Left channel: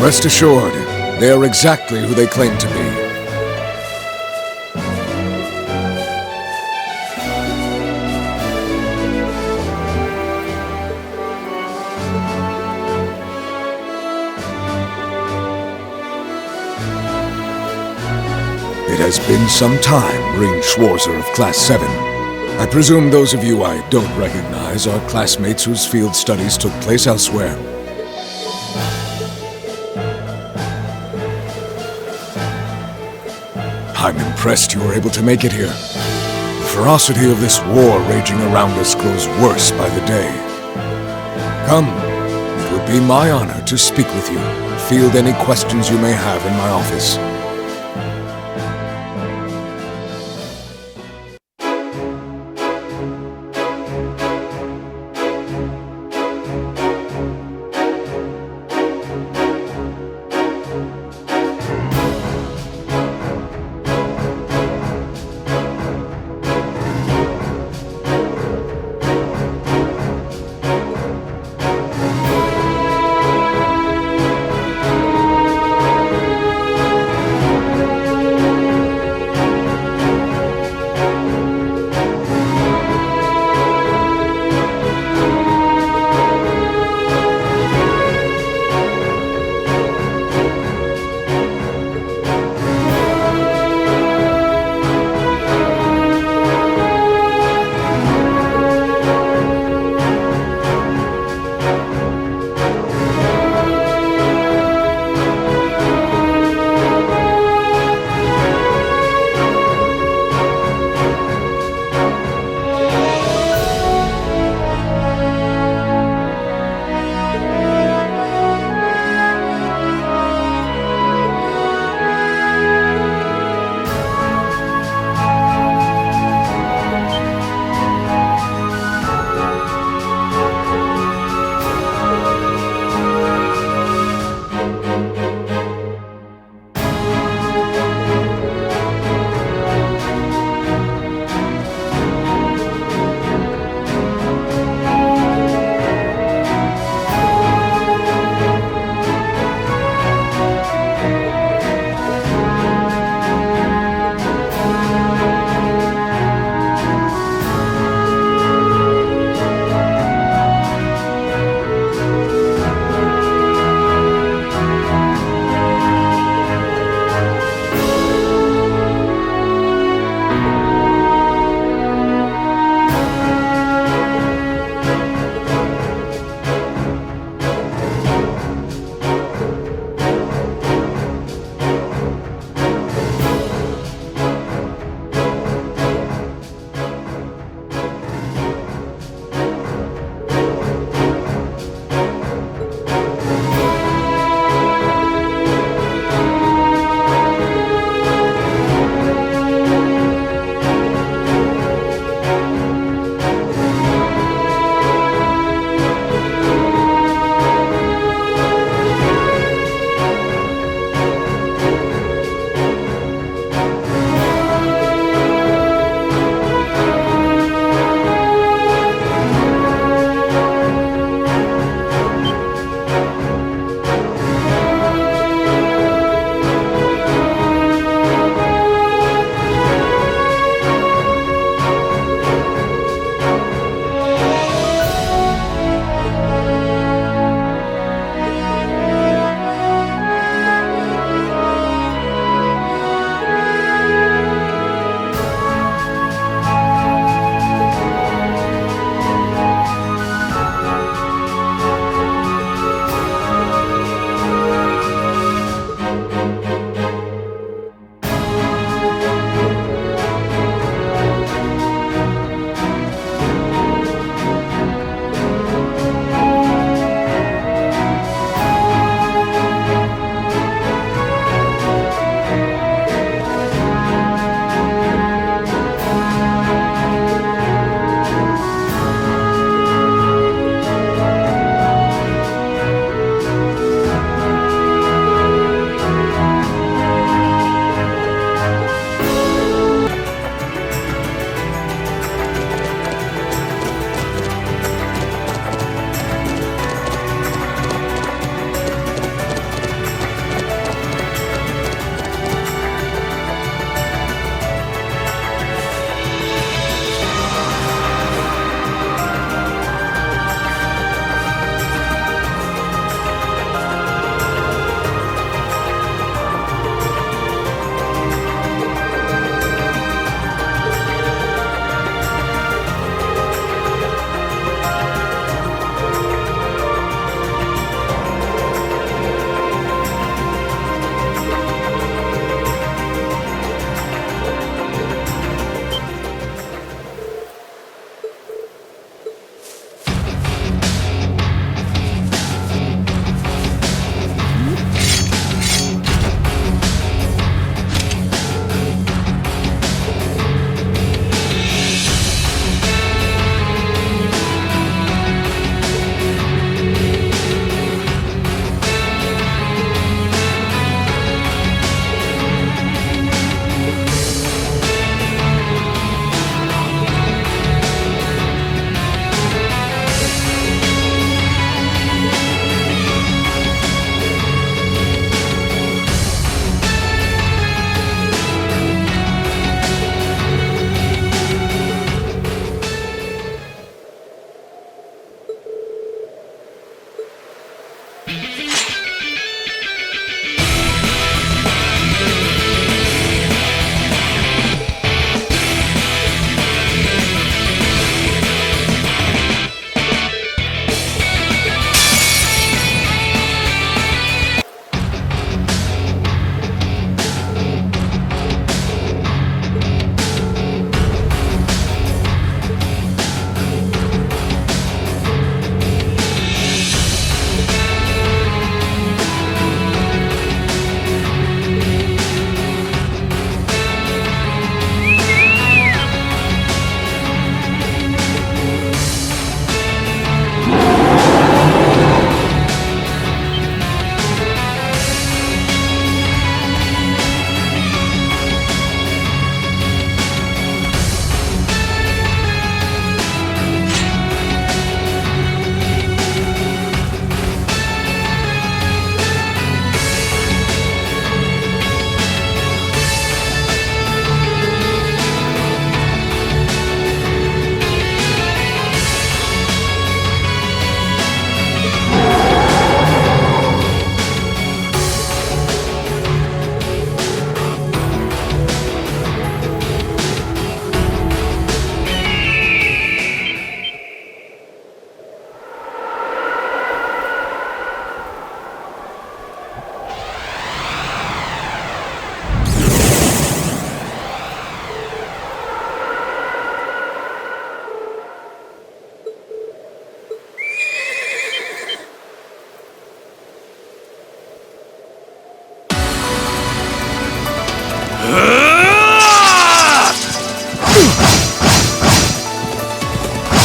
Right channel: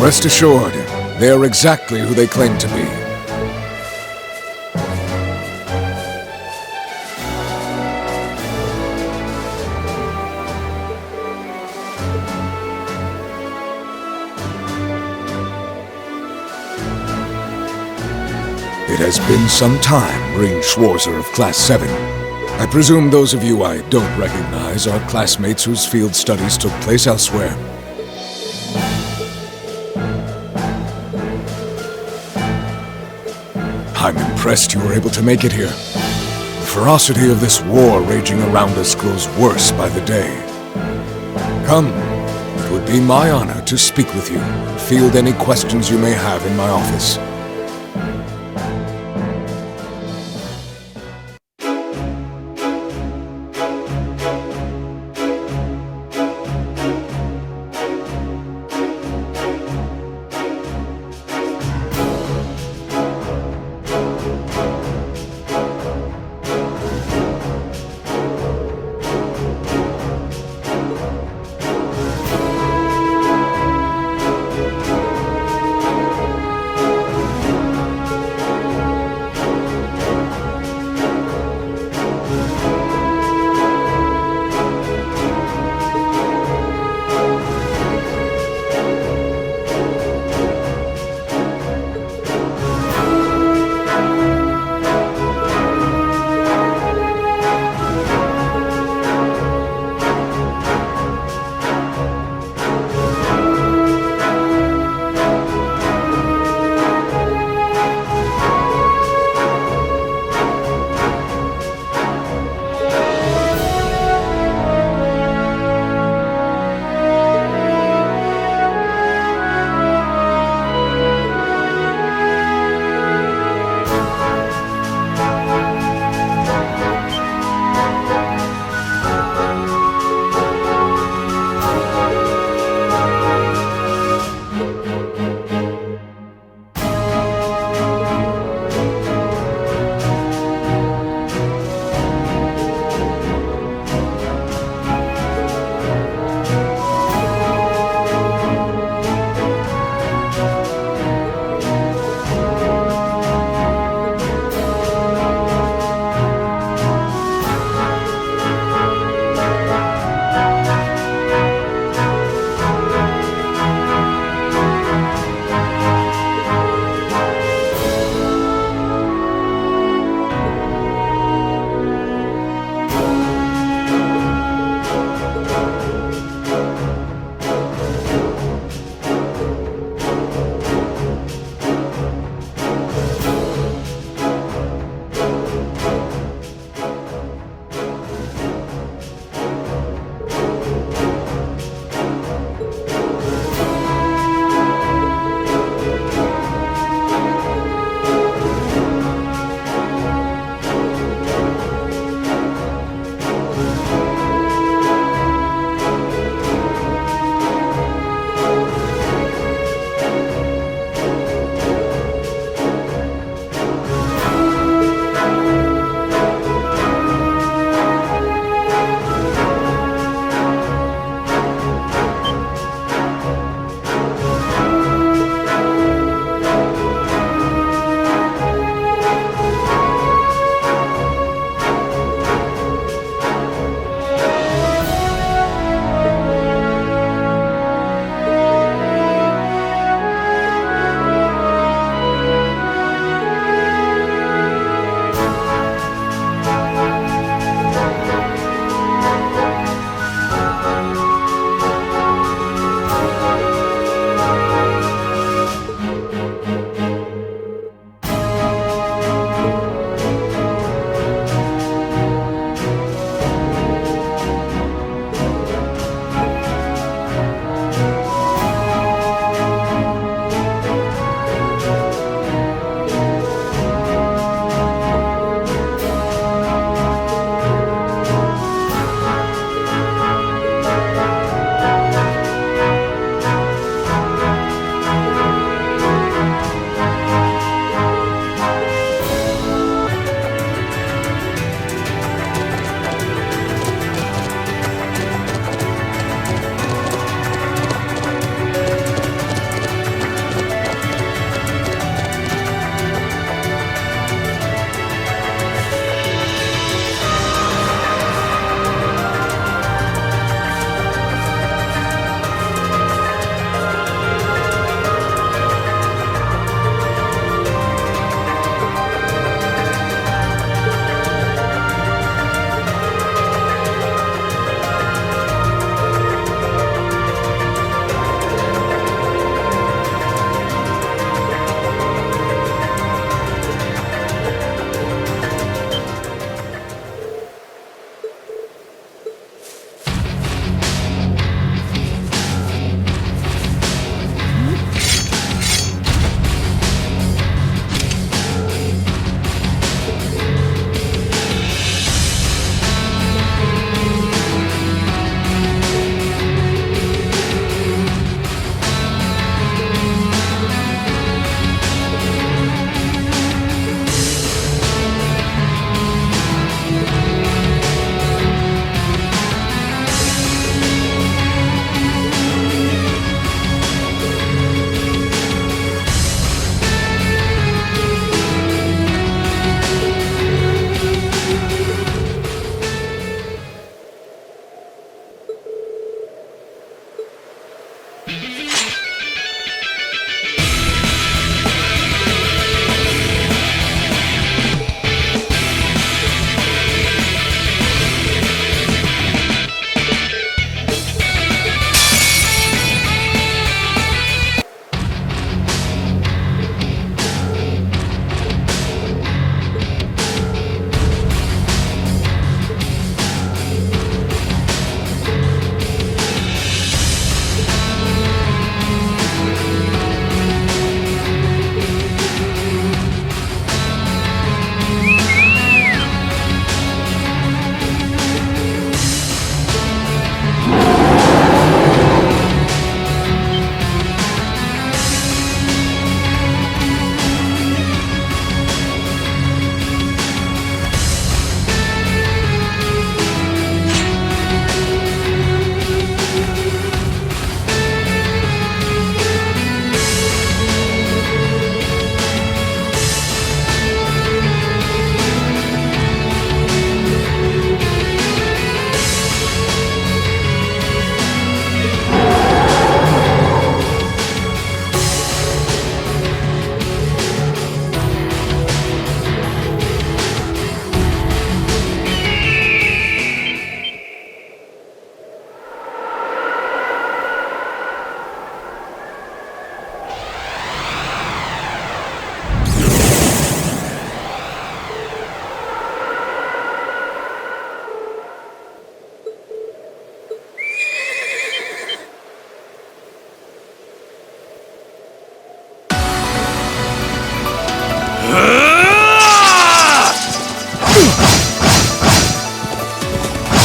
Rest assured, they are exactly who they claim to be. It has been some time, Marine Schwarzer of Class 7. I presume those of you I don't recognize are classmates whose field studies took place elsewhere. I'm impressed you were able to make it here. The ferocity of this war raging around us grows worse by the day. Come, it would be my honor to speak with you and field any questions you may have in my office.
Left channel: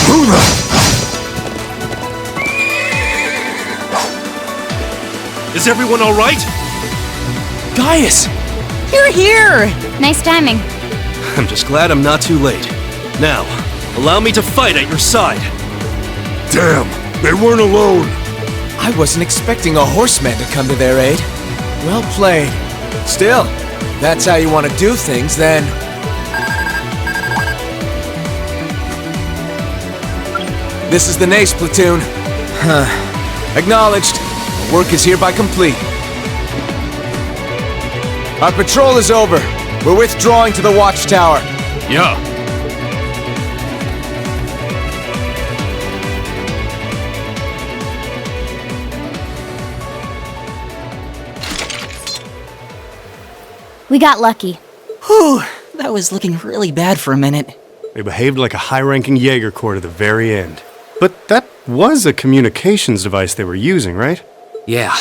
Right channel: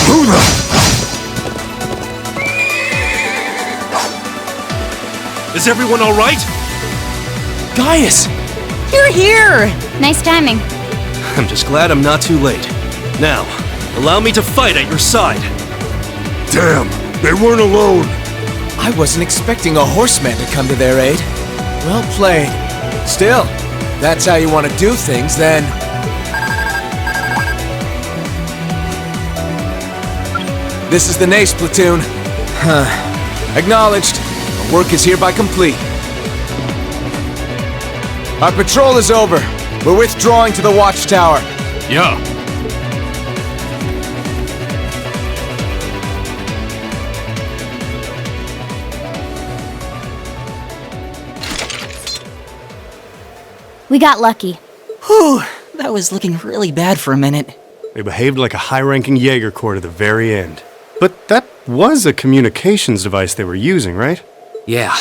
Who the... Is everyone all right? Gaius! You're here! Nice timing. I'm just glad I'm not too late. Now, allow me to fight at your side. Damn, they weren't alone. I wasn't expecting a horseman to come to their aid. Well played. Still, if that's how you want to do things, then... This is the Nace platoon. Acknowledged. Our work is hereby complete. Our patrol is over. We're withdrawing to the watchtower. Yeah. We got lucky. Whew, that was looking really bad for a minute. They behaved like a high-ranking Jaeger Corps to the very end. But that was a communications device they were using, right? Yeah.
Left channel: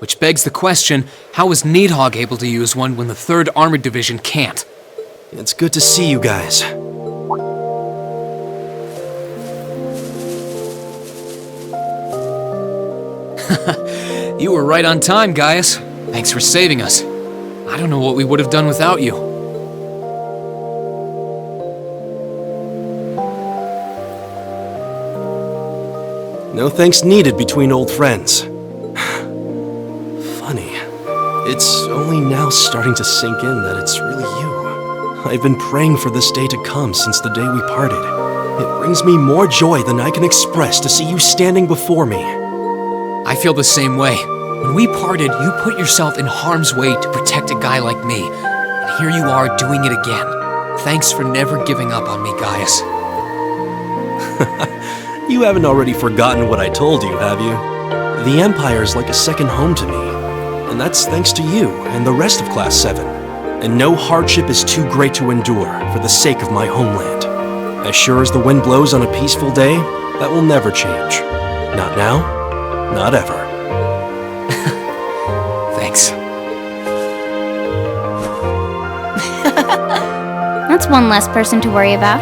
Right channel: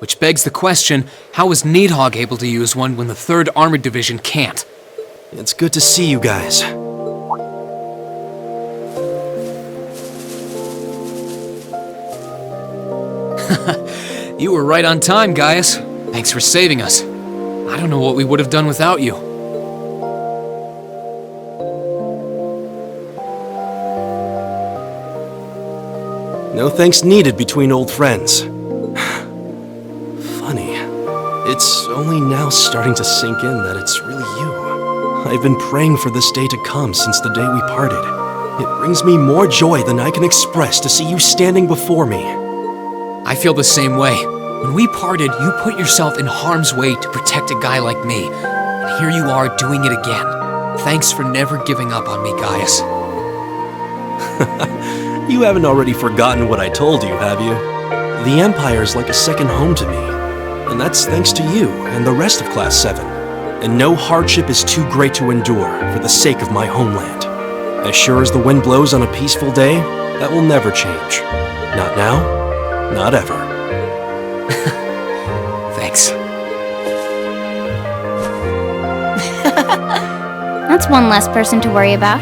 Which begs the question, how was Needhog able to use one when the 3rd Armored Division can't? It's good to see you guys. You were right on time, Gaius. Thanks for saving us. I don't know what we would have done without you. No thanks needed between old friends. Funny. It's only now starting to sink in that it's really you. I've been praying for this day to come since the day we parted. It brings me more joy than I can express to see you standing before me. I feel the same way. When we parted, you put yourself in harm's way to protect a guy like me. And here you are doing it again. Thanks for never giving up on me, Gaius. You haven't already forgotten what I told you, have you? The Empire's like a second home to me. And that's thanks to you and the rest of Class 7. And no hardship is too great to endure for the sake of my homeland. As sure as the wind blows on a peaceful day, that will never change. Not now, not ever. Thanks. That's one less person to worry about.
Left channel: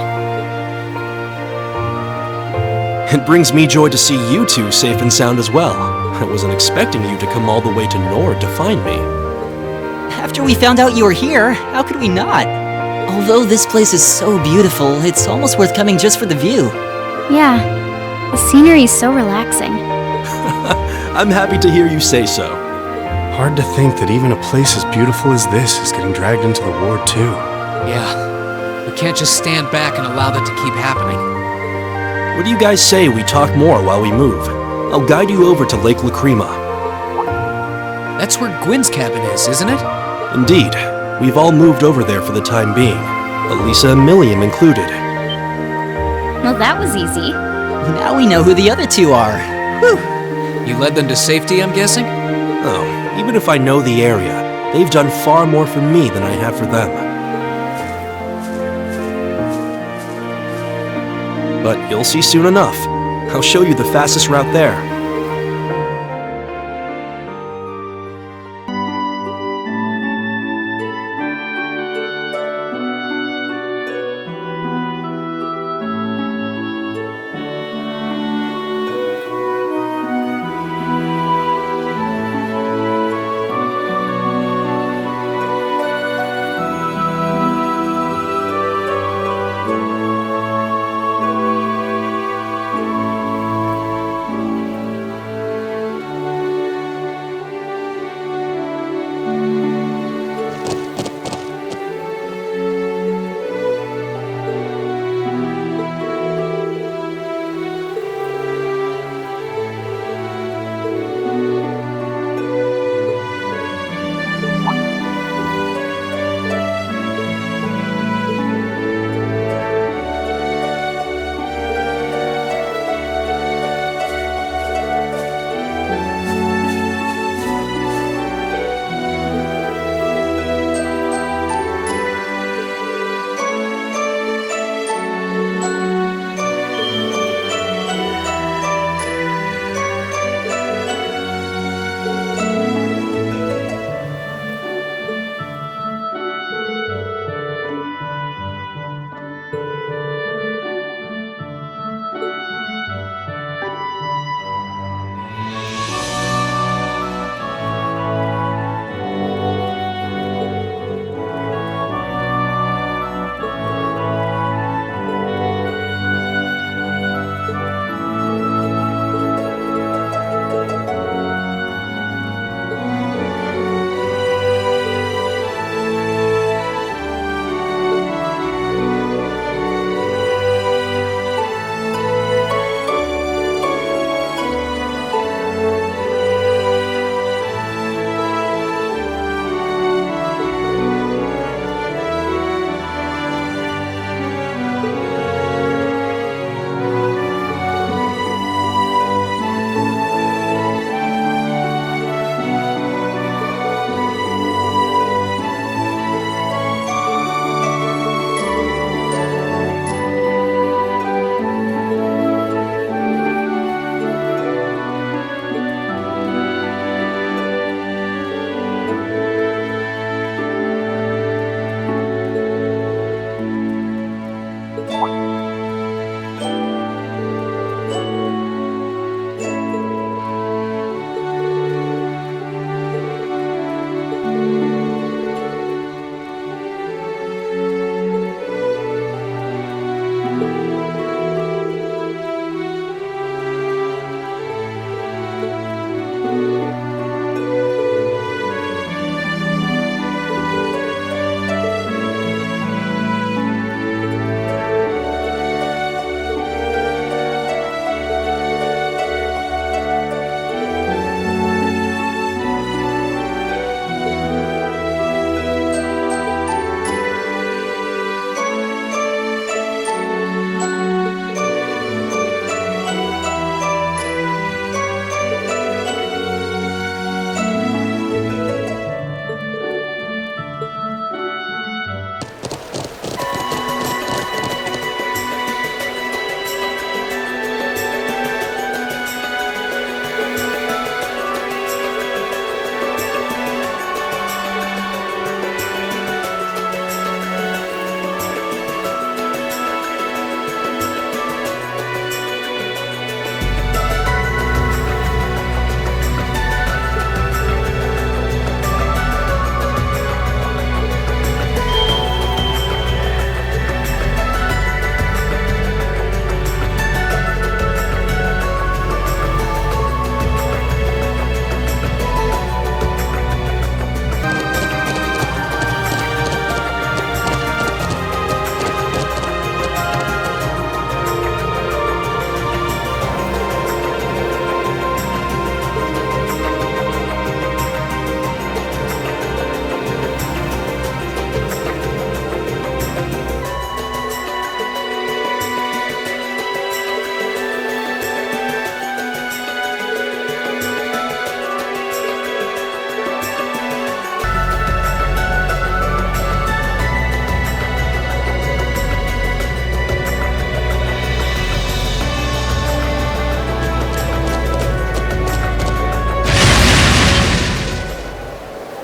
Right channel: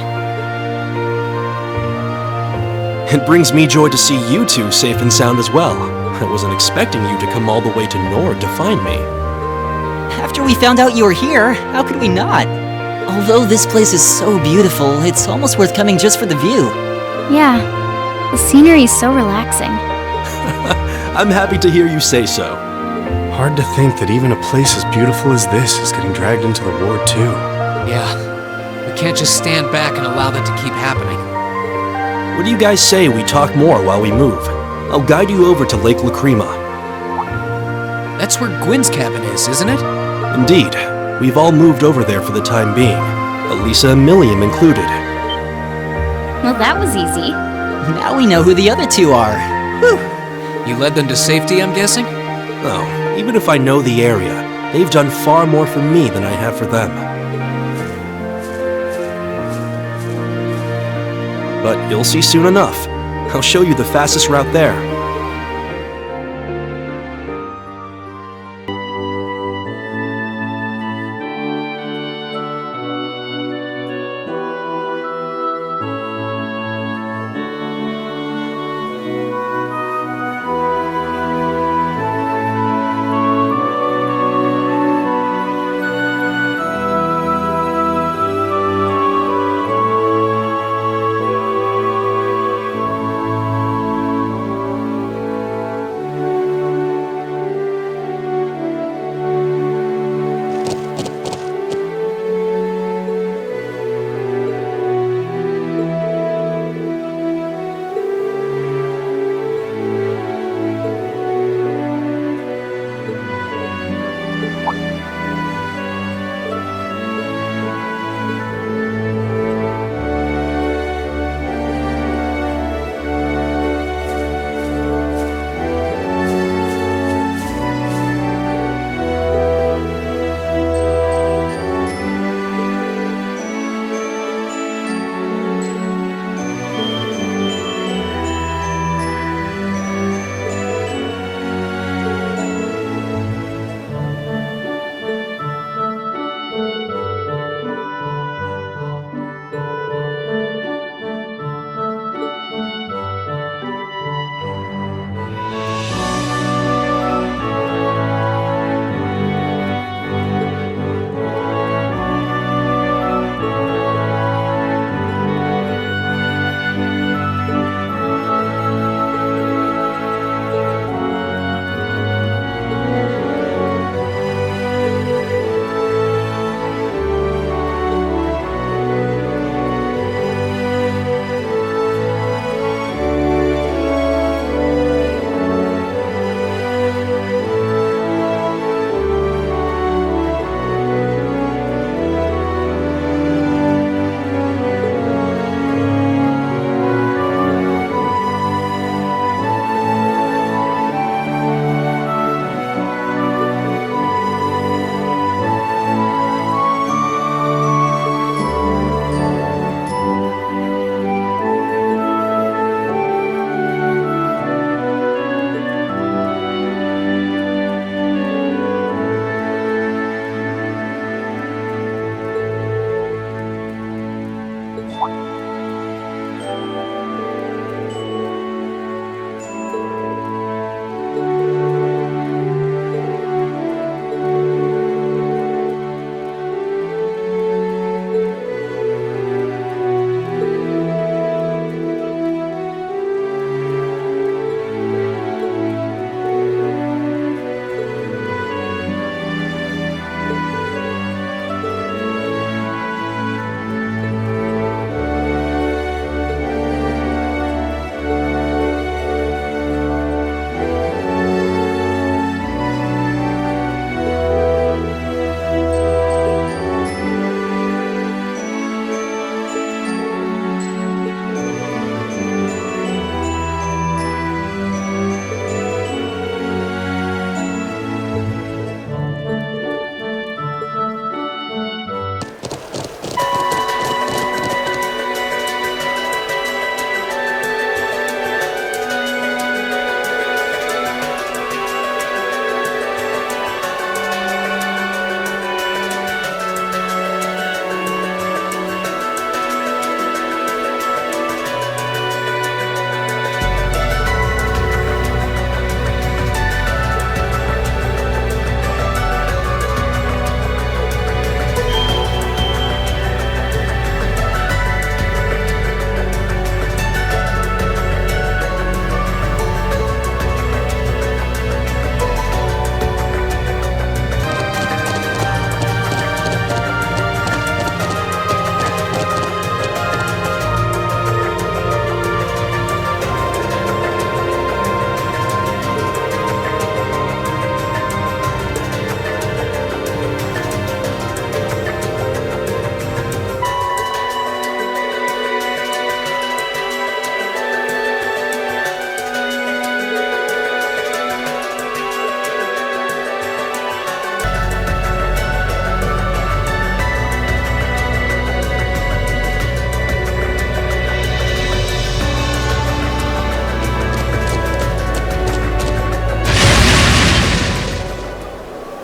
It brings me joy to see you two safe and sound as well. I wasn't expecting you to come all the way to Nord to find me. After we found out you were here, how could we not? Although this place is so beautiful, it's almost worth coming just for the view. Yeah, the scenery's so relaxing. I'm happy to hear you say so. Hard to think that even a place as beautiful as this is getting dragged into the war too. Yeah. We can't just stand back and allow that to keep happening. What do you guys say we talk more while we move? I'll guide you over to Lake Lacrima. That's where Gwyn's cabin is, isn't it? Indeed. We've all moved over there for the time being. Elisa and Milliam included. Well, that was easy. Now we know who the other two are. Whew. You led them to safety, I'm guessing? Oh, even if I know the area, they've done far more for me than I have for them. But you'll see soon enough. I'll show you the fastest route there.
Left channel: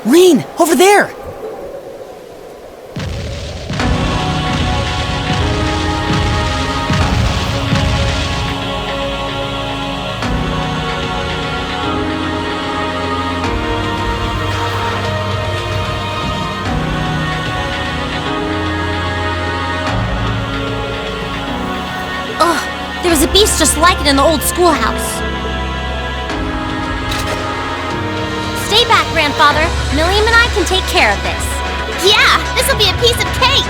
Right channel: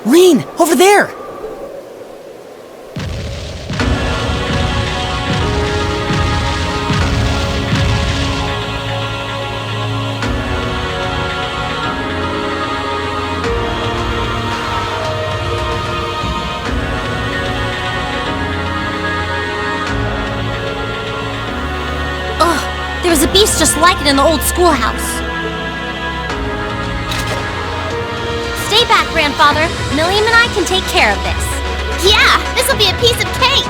Reen, over there! Ugh, there was a beast just like it in the old schoolhouse. Stay back, Grandfather. Milliam and I can take care of this. Yeah, this'll be a piece of cake!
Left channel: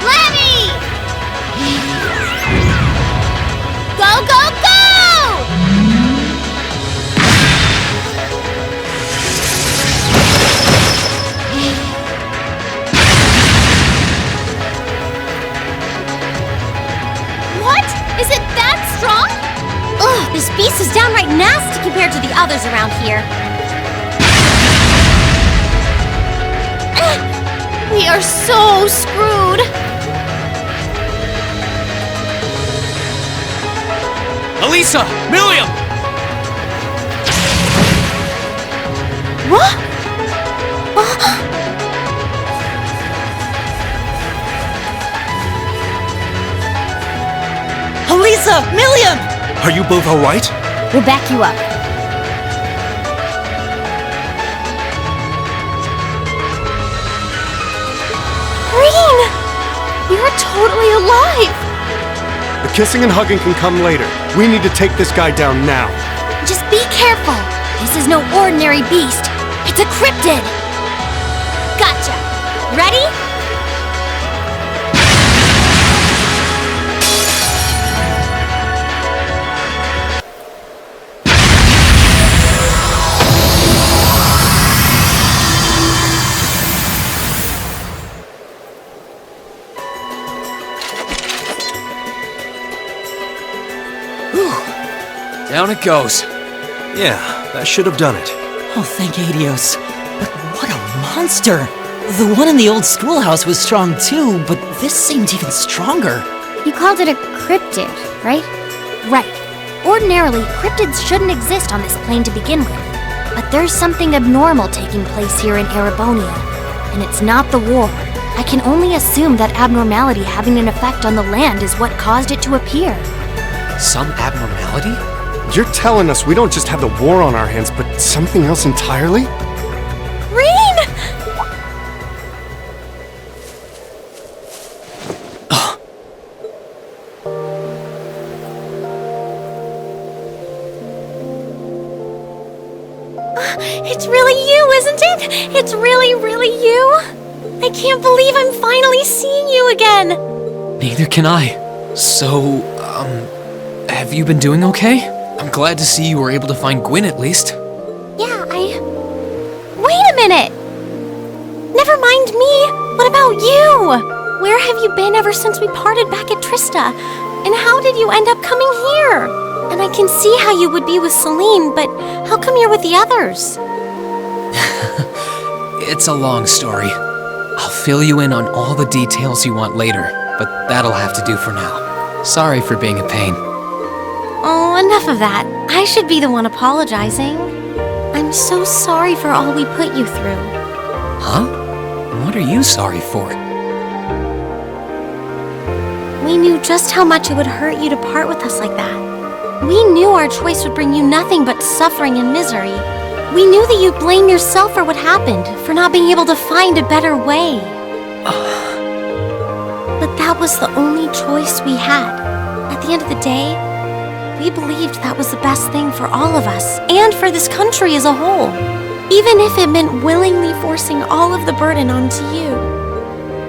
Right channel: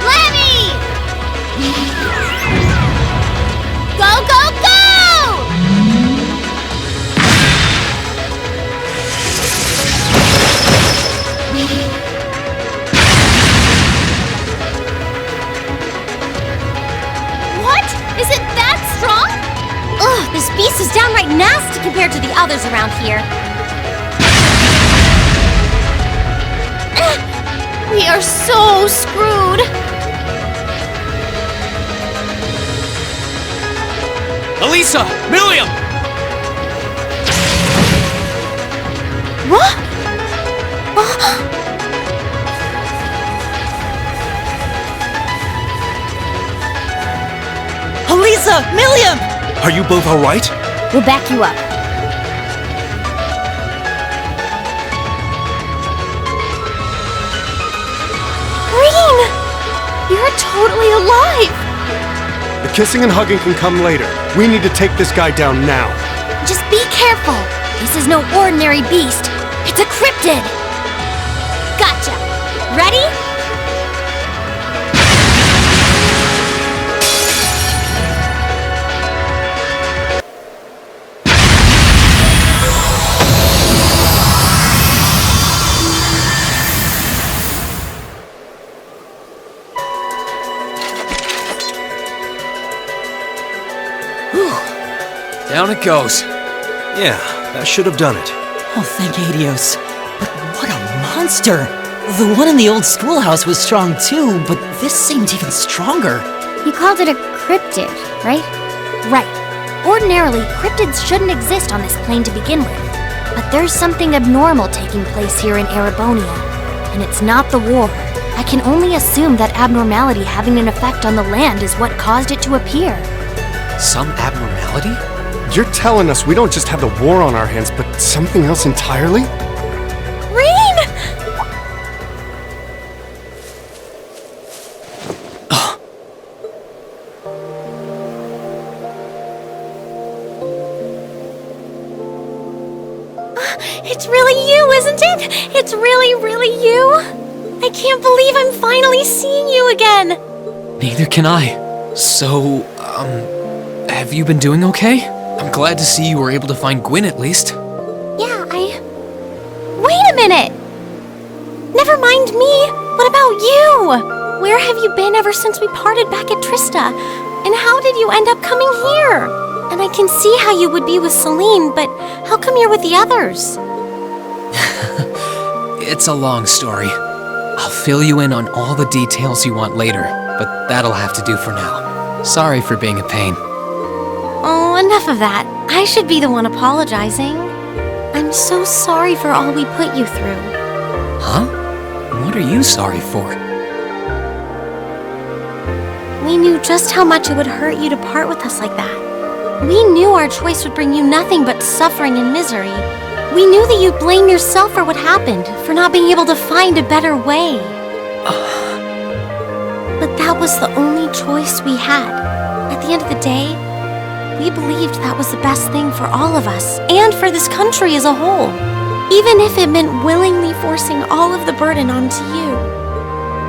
Lemmy! Go, go, go! What? Is it that strong? Ugh, this beast is downright nasty compared to the others around here. We are so screwed. Elisa! Milliam! What? Elisa! Milliam! Are you both alright? We'll back you up. Green! You're totally alive! The kissing and hugging can come later. We need to take this guy down now. Just be careful. This is no ordinary beast. It's a cryptid. Gotcha. Ready? Down it goes. Yeah, that should have done it. Oh, thank Adios. But what a monster! The one in the old schoolhouse was strong too, but this seemed even stronger. You called it a cryptid, right? Right. Ordinarily, cryptids shouldn't exist on this plane to begin with. But there's something abnormal taking place here in Erebonia. And it's not the war. I can only assume that abnormality having an effect on the land is what caused it to appear. Some abnormality? You're telling us we don't just have the war on our hands, but something else entirely? Rain! It's really you, isn't it? It's really, really you? I can't believe I'm finally seeing you again! Neither can I. So, have you been doing okay? I'm glad to see you were able to find Gwyn at least. Yeah, Wait a minute! Never mind me! What about you? Where have you been ever since we parted back at Trista? And how did you end up coming here? And I can see how you would be with Celine, but how come you're with the others? It's a long story. I'll fill you in on all the details you want later, but that'll have to do for now. Sorry for being a pain. Oh, enough of that. I should be the one apologizing. I'm so sorry for all we put you through. Huh? What are you sorry for? We knew just how much it would hurt you to part with us like that. We knew our choice would bring you nothing but suffering and misery. We knew that you'd blame yourself for what happened, for not being able to find a better way. But that was the only choice we had. At the end of the day, we believed that was the best thing for all of us, and for this country as a whole. Even if it meant willingly forcing all of the burden onto you.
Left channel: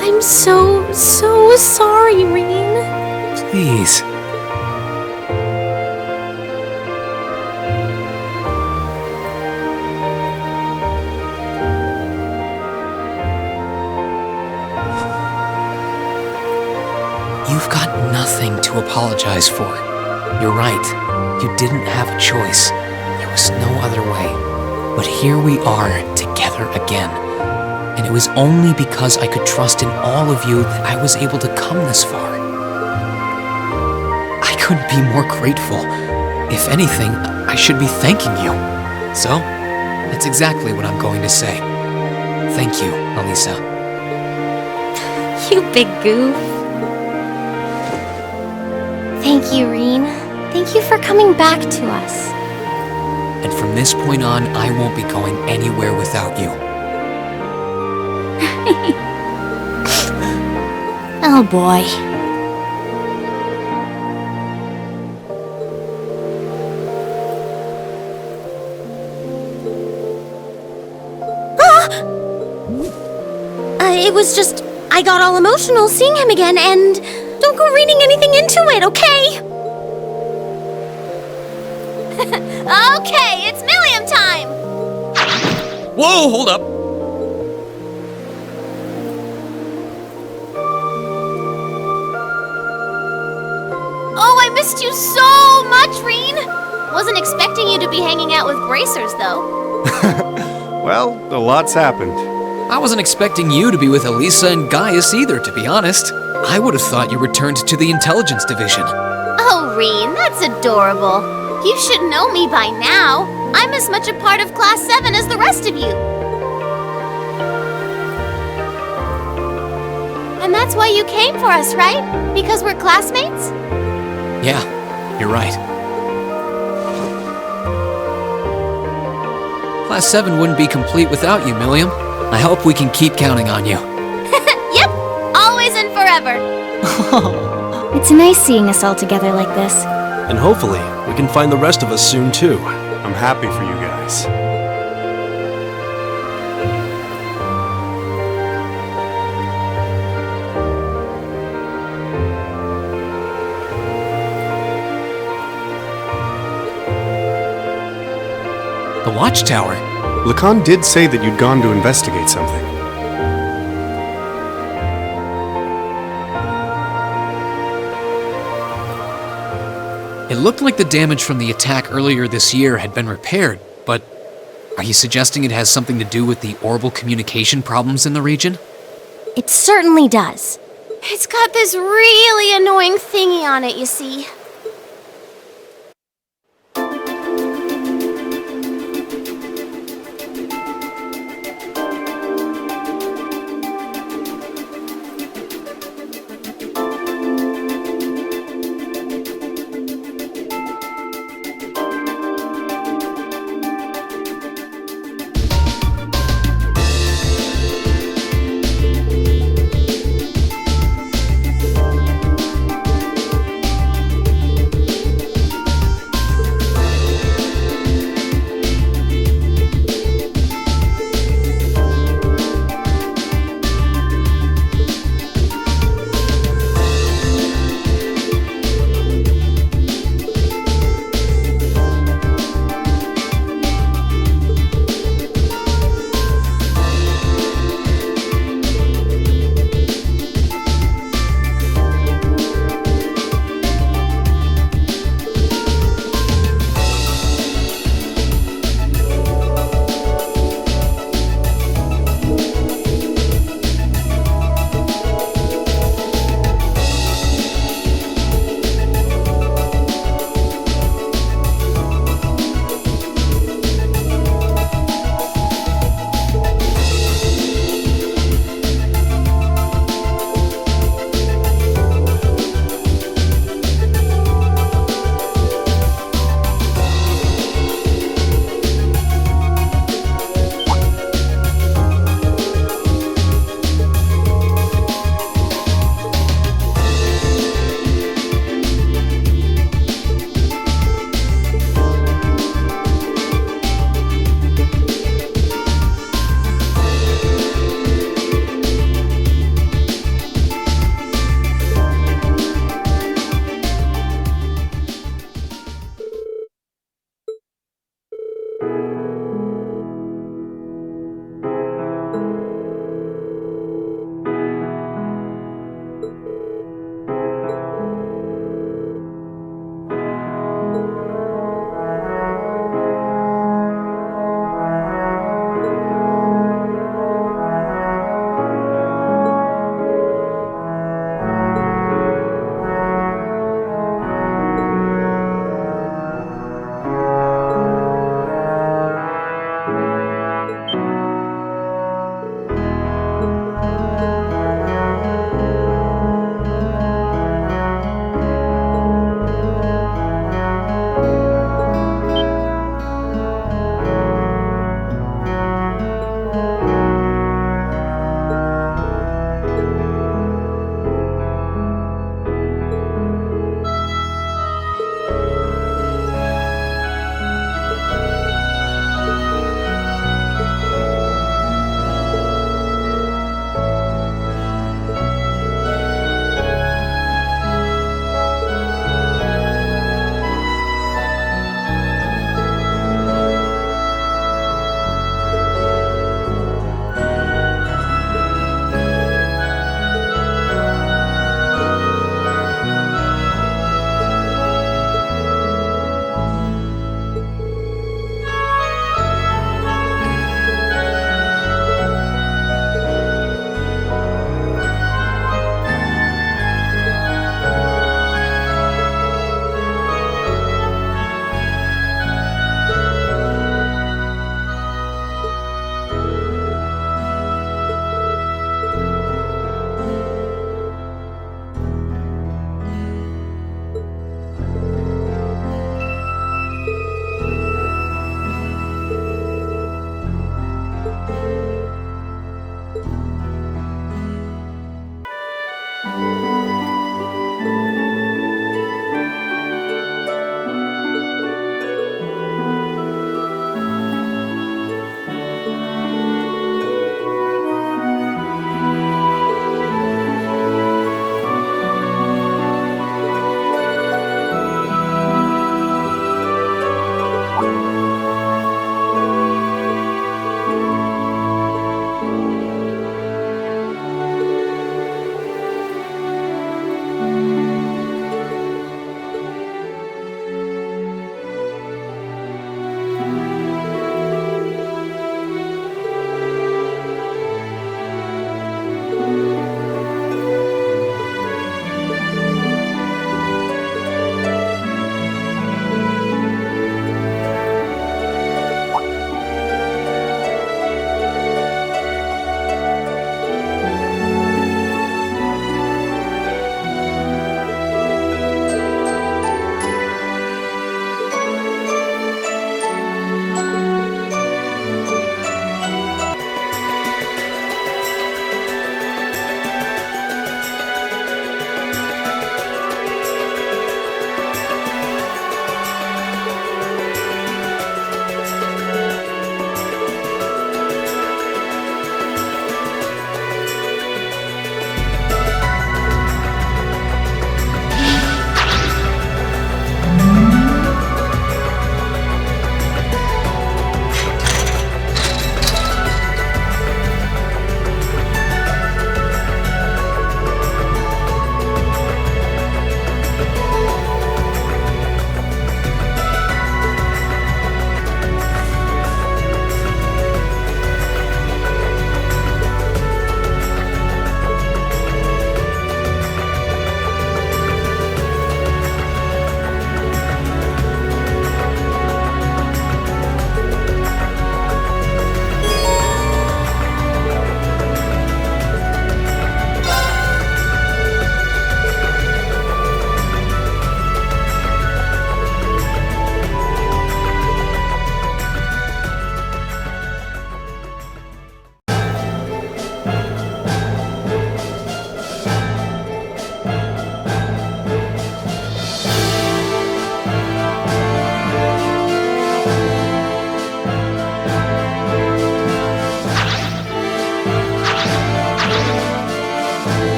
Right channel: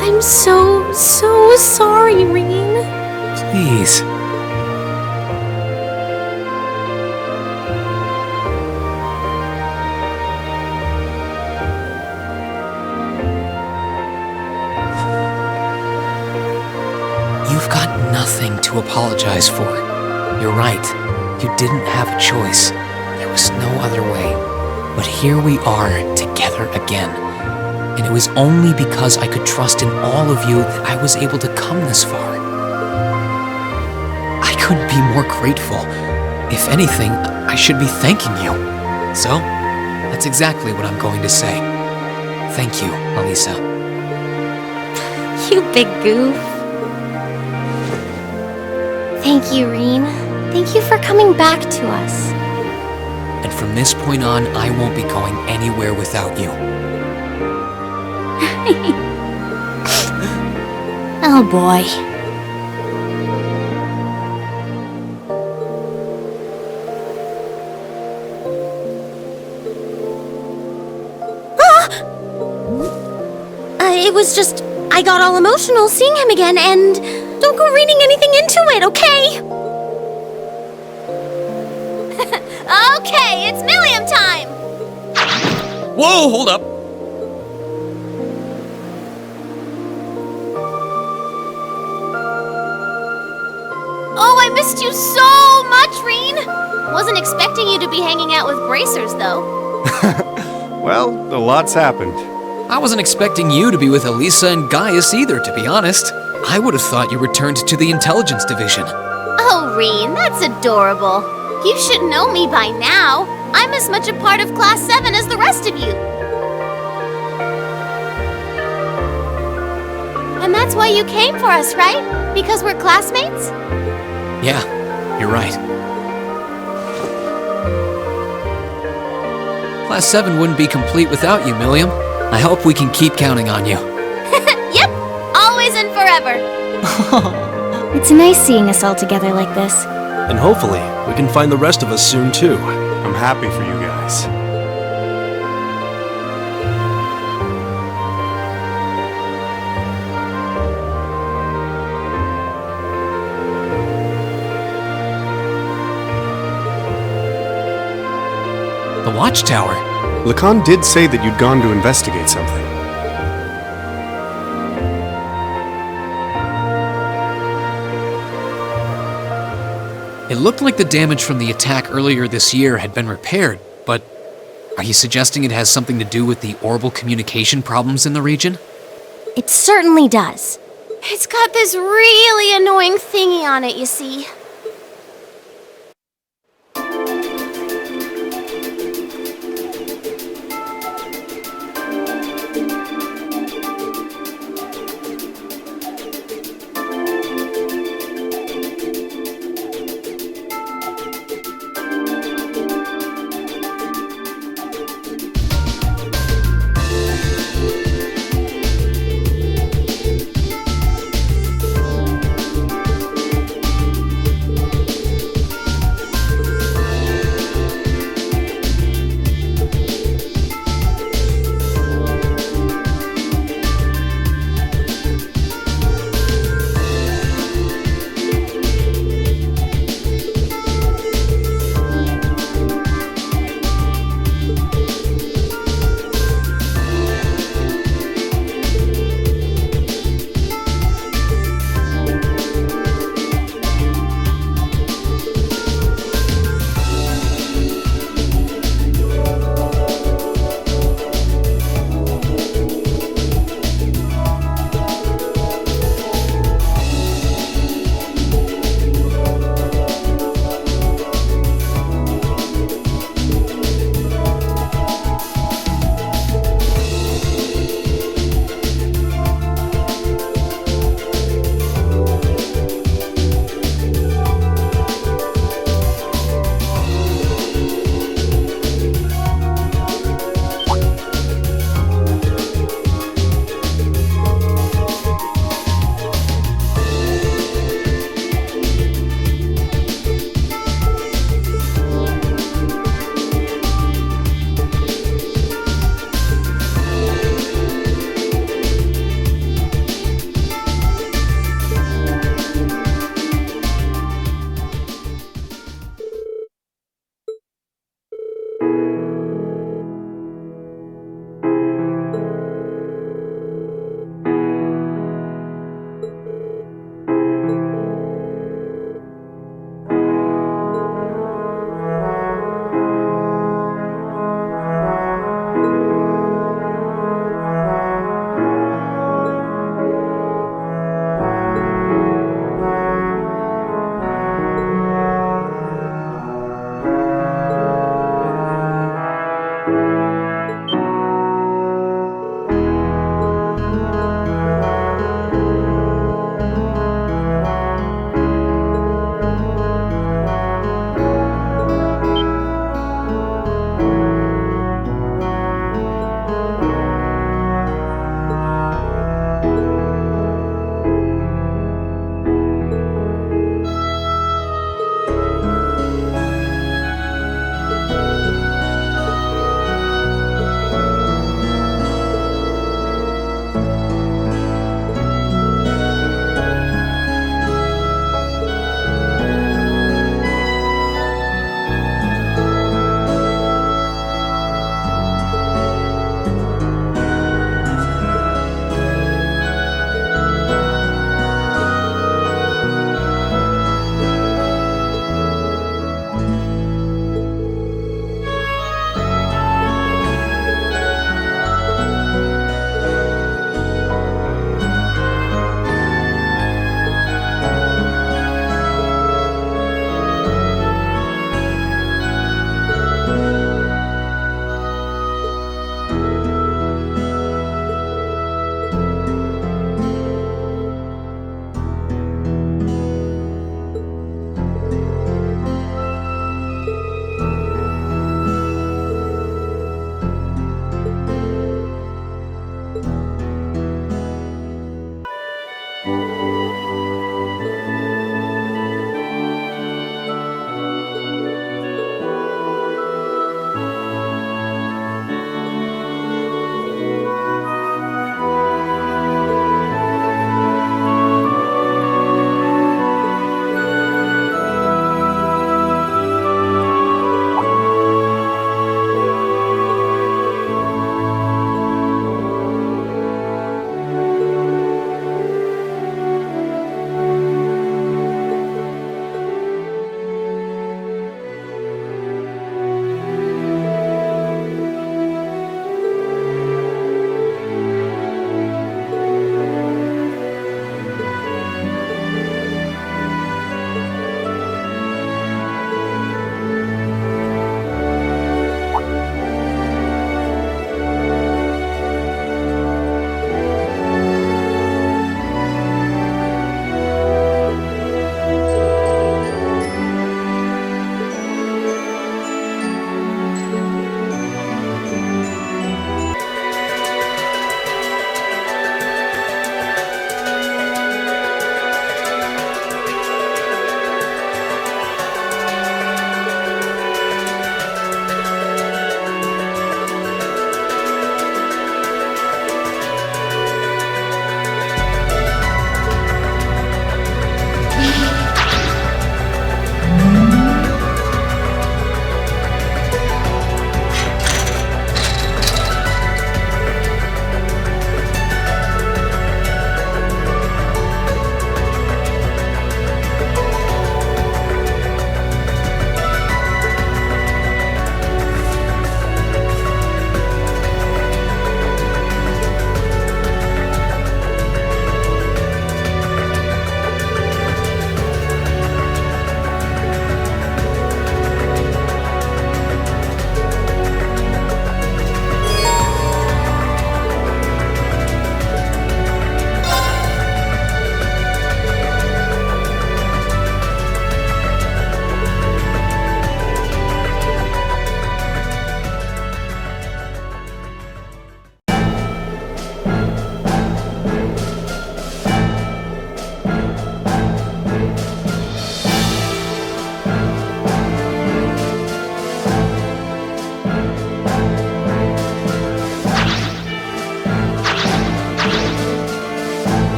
I'm so sorry, Reen. Please. You've got nothing to apologize for. You're right. You didn't have a choice. There was no other way. But here we are, together again. And it was only because I could trust in all of you that I was able to come this far. I couldn't be more grateful. If anything, I should be thanking you. So, that's exactly what I'm going to say. Thank you, Elisa. You big goof. Thank you, Reen. Thank you for coming back to us. And from this point on, I won't be going anywhere without you. Oh boy. It was just, I got all emotional seeing him again, and don't go reading anything into it, okay? Okay, it's Milliam time! Whoa, hold up! Oh, I missed you so much, Reen! Wasn't expecting you to be hanging out with bracers, though. Well, a lot's happened. I wasn't expecting you to be with Elisa and Gaius either, to be honest. I would have thought you returned to the intelligence division. Oh, Reen, that's adorable. You should know me by now. I'm as much a part of Class 7 as the rest of you. And that's why you came for us, right? Because we're classmates? Yeah, you're right. Class 7 wouldn't be complete without you, Milliam. I hope we can keep counting on you. Yep, always and forever. It's nice seeing us all together like this. And hopefully, we can find the rest of us soon too. I'm happy for you guys. The watchtower? Lacan did say that you'd gone to investigate something. It looked like the damage from the attack earlier this year had been repaired, but are you suggesting it has something to do with the orbital communication problems in the region? It certainly does. It's got this really annoying thingy on it, you see.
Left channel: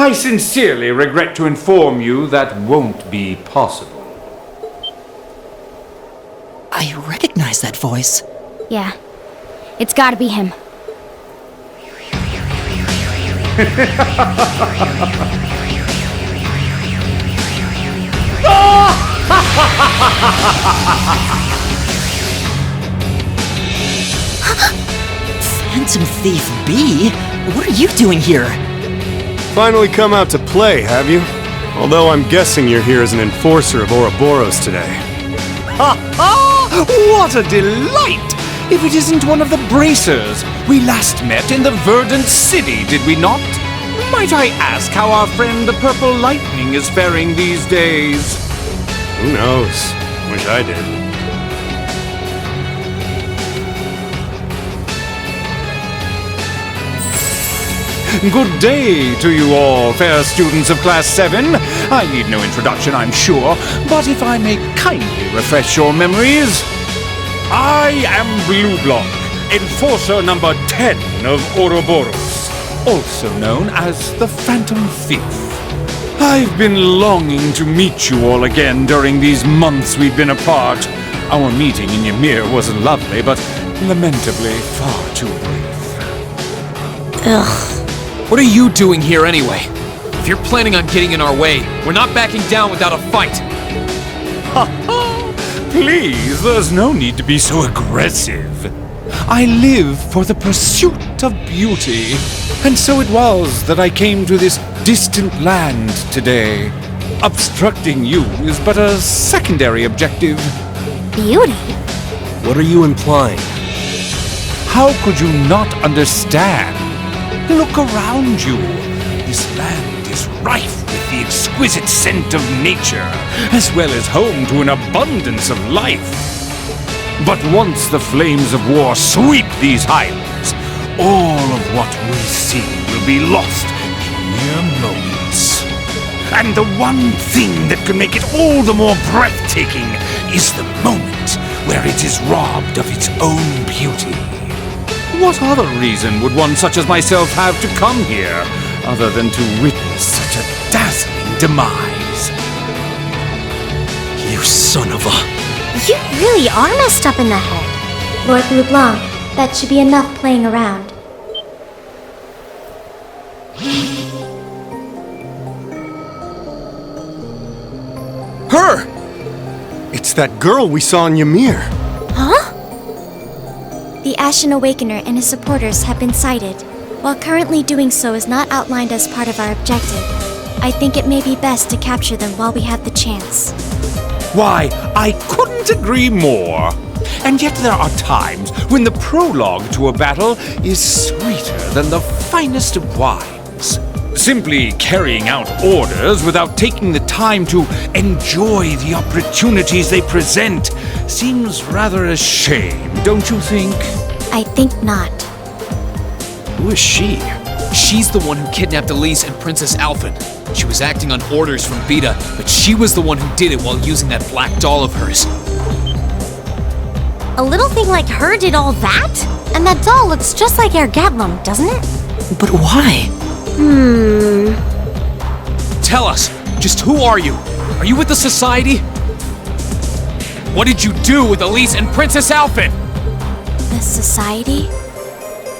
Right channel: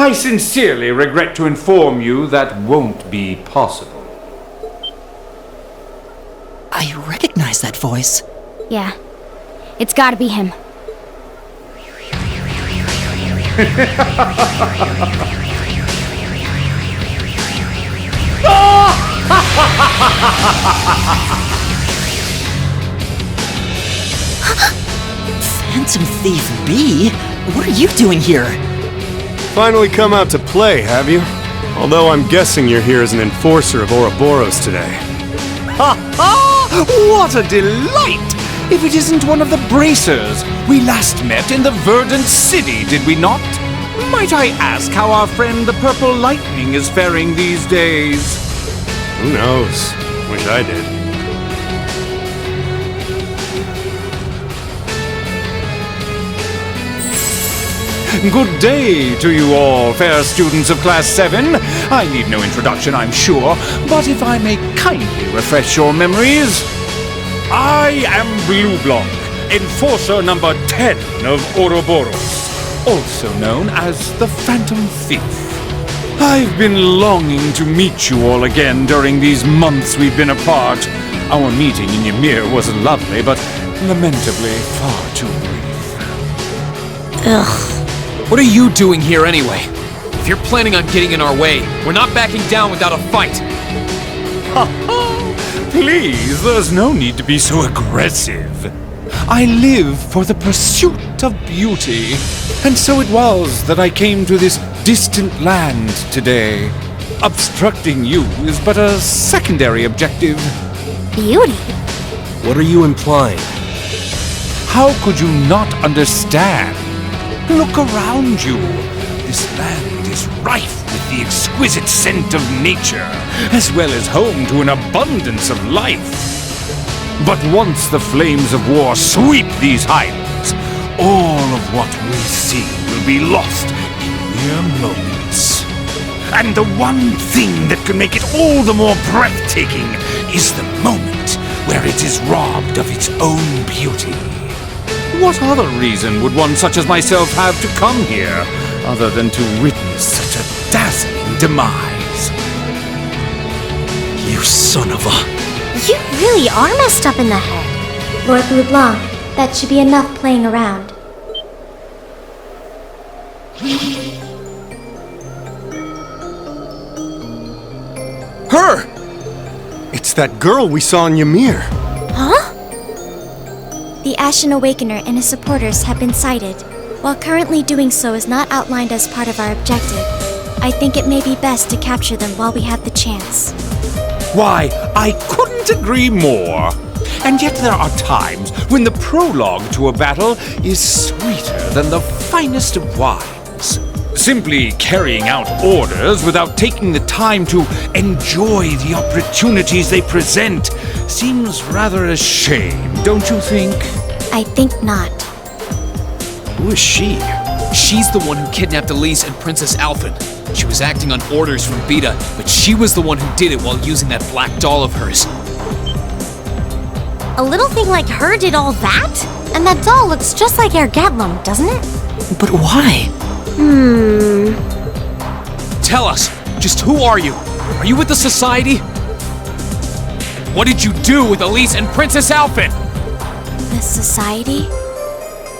I sincerely regret to inform you that won't be possible. I recognize that voice. Yeah. It's gotta be him. Phantom Thief B? What are you doing here? Finally come out to play, have you? Although I'm guessing you're here as an enforcer of Ouroboros today. Ha ha! What a delight! If it isn't one of the bracers. We last met in the Verdant City, did we not? Might I ask how our friend the Purple Lightning is faring these days? Who knows? Wish I did. Good day to you all, fair students of Class 7. I need no introduction, I'm sure, but if I may kindly refresh your memories, I am Blue Block, Enforcer number 10 of Ouroboros, also known as the Phantom Thief. I've been longing to meet you all again during these months we've been apart. Our meeting in Ymir was lovely, but lamentably far too brief. Ugh. What are you doing here anyway? If you're planning on getting in our way, we're not backing down without a fight. Ha ha! Please, there's no need to be so aggressive. I live for the pursuit of beauty, and so it was that I came to this distant land today. Obstructing you is but a secondary objective. Beauty? What are you implying? How could you not understand? Look around you. This land is rife with the exquisite scent of nature, as well as home to an abundance of life. But once the flames of war sweep these highlands, all of what we see will be lost in mere moments. And the one thing that can make it all the more breathtaking is the moment where it is robbed of its own beauty. What other reason would one such as myself have to come here, other than to witness such a dazzling demise? You son of a... You really are messed up in the head. Lord Blue Blanc, that should be enough playing around. Her! It's that girl we saw in Ymir. Huh? The Ashen Awakener and his supporters have been sighted. While currently doing so is not outlined as part of our objective, I think it may be best to capture them while we have the chance. Why, I couldn't agree more. And yet there are times when the prologue to a battle is sweeter than the finest of wines. Simply carrying out orders without taking the time to enjoy the opportunities they present seems rather a shame, don't you think? I think not. Who is she? She's the one who kidnapped Elise and Princess Alphen. She was acting on orders from Beta, but she was the one who did it while using that black doll of hers. A little thing like her did all that? And that doll looks just like Ergetlum, doesn't it? But why? Tell us, just who are you? Are you with the Society? What did you do with Elise and Princess Alphen? The Society?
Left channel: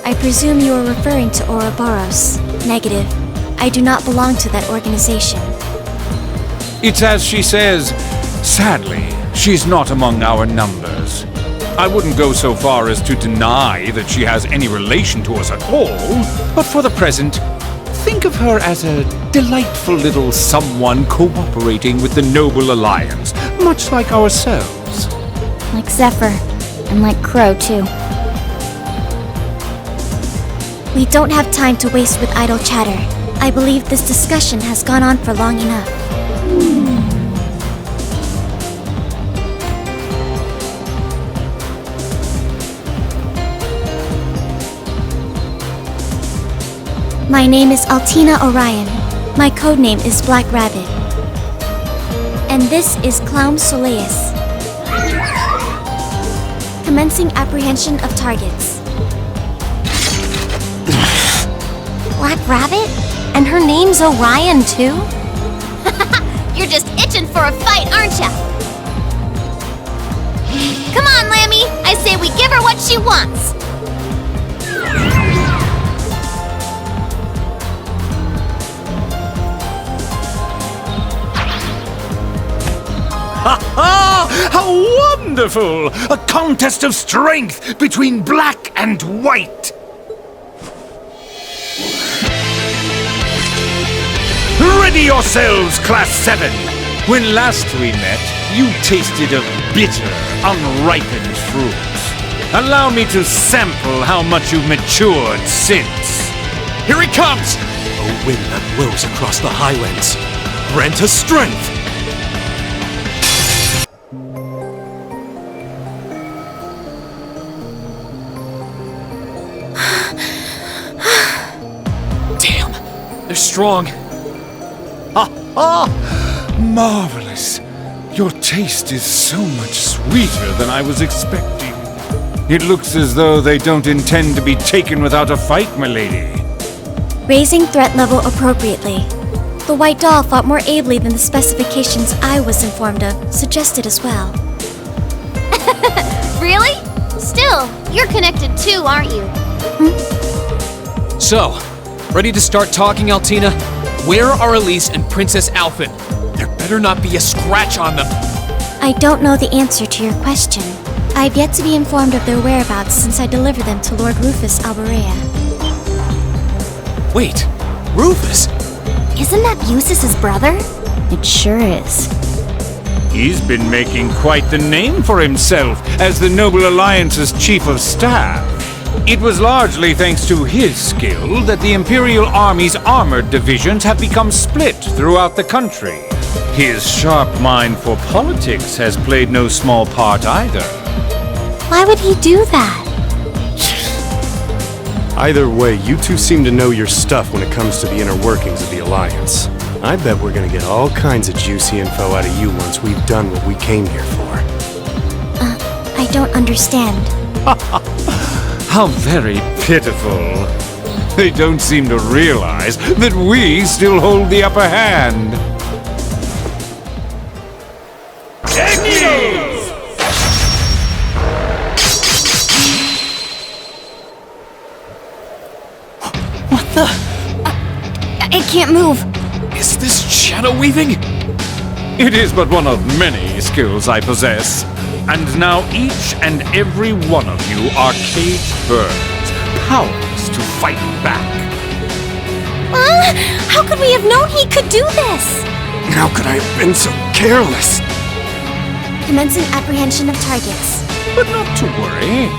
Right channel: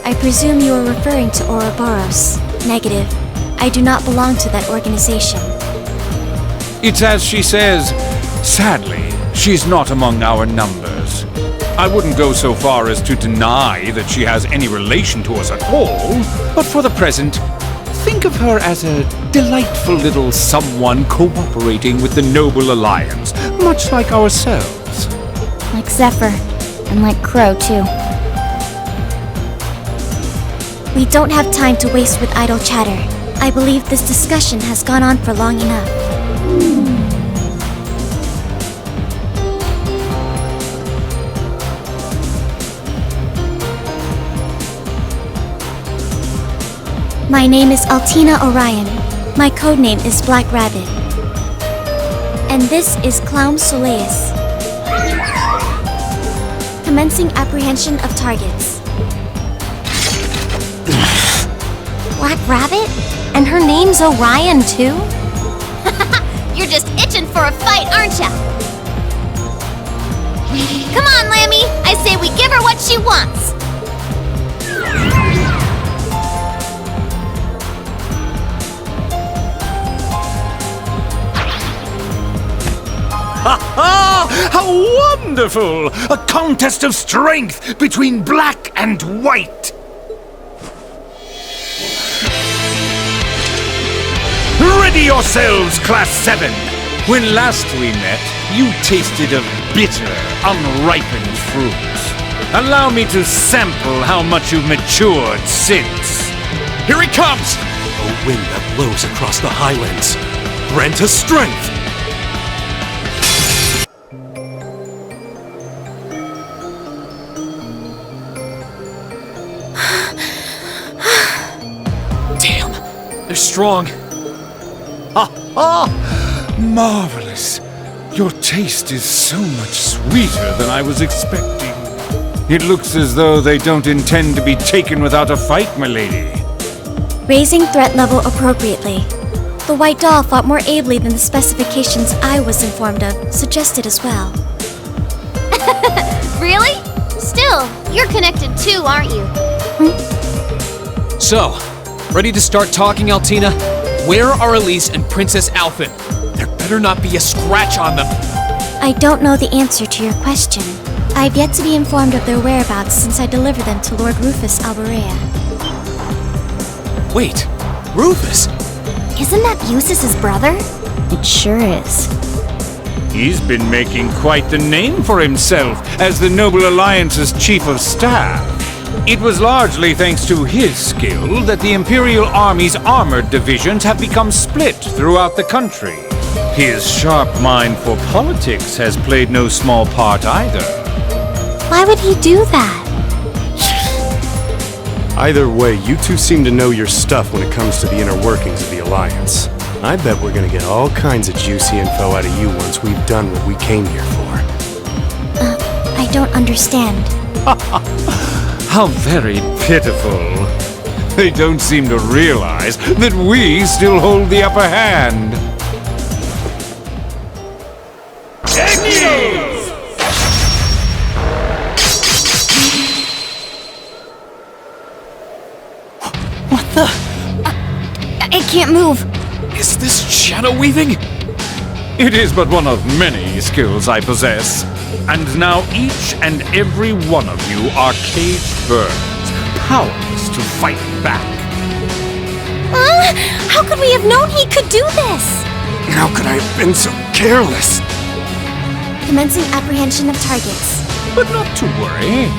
I presume you are referring to Ouroboros. Negative. I do not belong to that organization. It's as she says. Sadly, she's not among our numbers. I wouldn't go so far as to deny that she has any relation to us at all, but for the present, think of her as a delightful little someone cooperating with the Noble Alliance, much like ourselves. Like Zephyr. And like Crow, too. We don't have time to waste with idle chatter. I believe this discussion has gone on for long enough. My name is Altina Orion. My codename is Black Rabbit. And this is Clown Soleus. Commencing apprehension of targets. Black Rabbit? And her name's Orion, too? You're just itching for a fight, aren't ya? Come on, Lammy. I say we give her what she wants. Ha ha! How wonderful! A contest of strength between black and white! Ready yourselves, Class 7! When last we met, you tasted of bitter, unripened fruits. Allow me to sample how much you've matured since. Here he comes! A wind that blows across the Highlands. Grant us strength! Damn, they're strong. Marvelous! Your taste is so much sweeter than I was expecting. It looks as though they don't intend to be taken without a fight, my lady. Raising threat level appropriately. The white doll fought more ably than the specifications I was informed of suggested as well. Really? Still, you're connected too, aren't you? So, ready to start talking, Altina? Where are Elise and Princess Alphen? There better not be a scratch on them. I don't know the answer to your question. I've yet to be informed of their whereabouts since I delivered them to Lord Rufus Alborea. Wait, Rufus? Isn't that Busis' brother? It sure is. He's been making quite the name for himself as the Noble Alliance's chief of staff. It was largely thanks to his skill that the Imperial Army's armored divisions have become split throughout the country. His sharp mind for politics has played no small part either. Why would he do that? Either way, you two seem to know your stuff when it comes to the inner workings of the Alliance. I bet we're gonna get all kinds of juicy info out of you once we've done what we came here for. I don't understand. How very pitiful. They don't seem to realize that we still hold the upper hand. What the? I can't move. Is this shadow weaving? It is but one of many skills I possess. And now each and every one of you are caged birds, powerless to fight back. How could we have known he could do this? How could I have been so careless? Commencing apprehension of targets. But not to worry.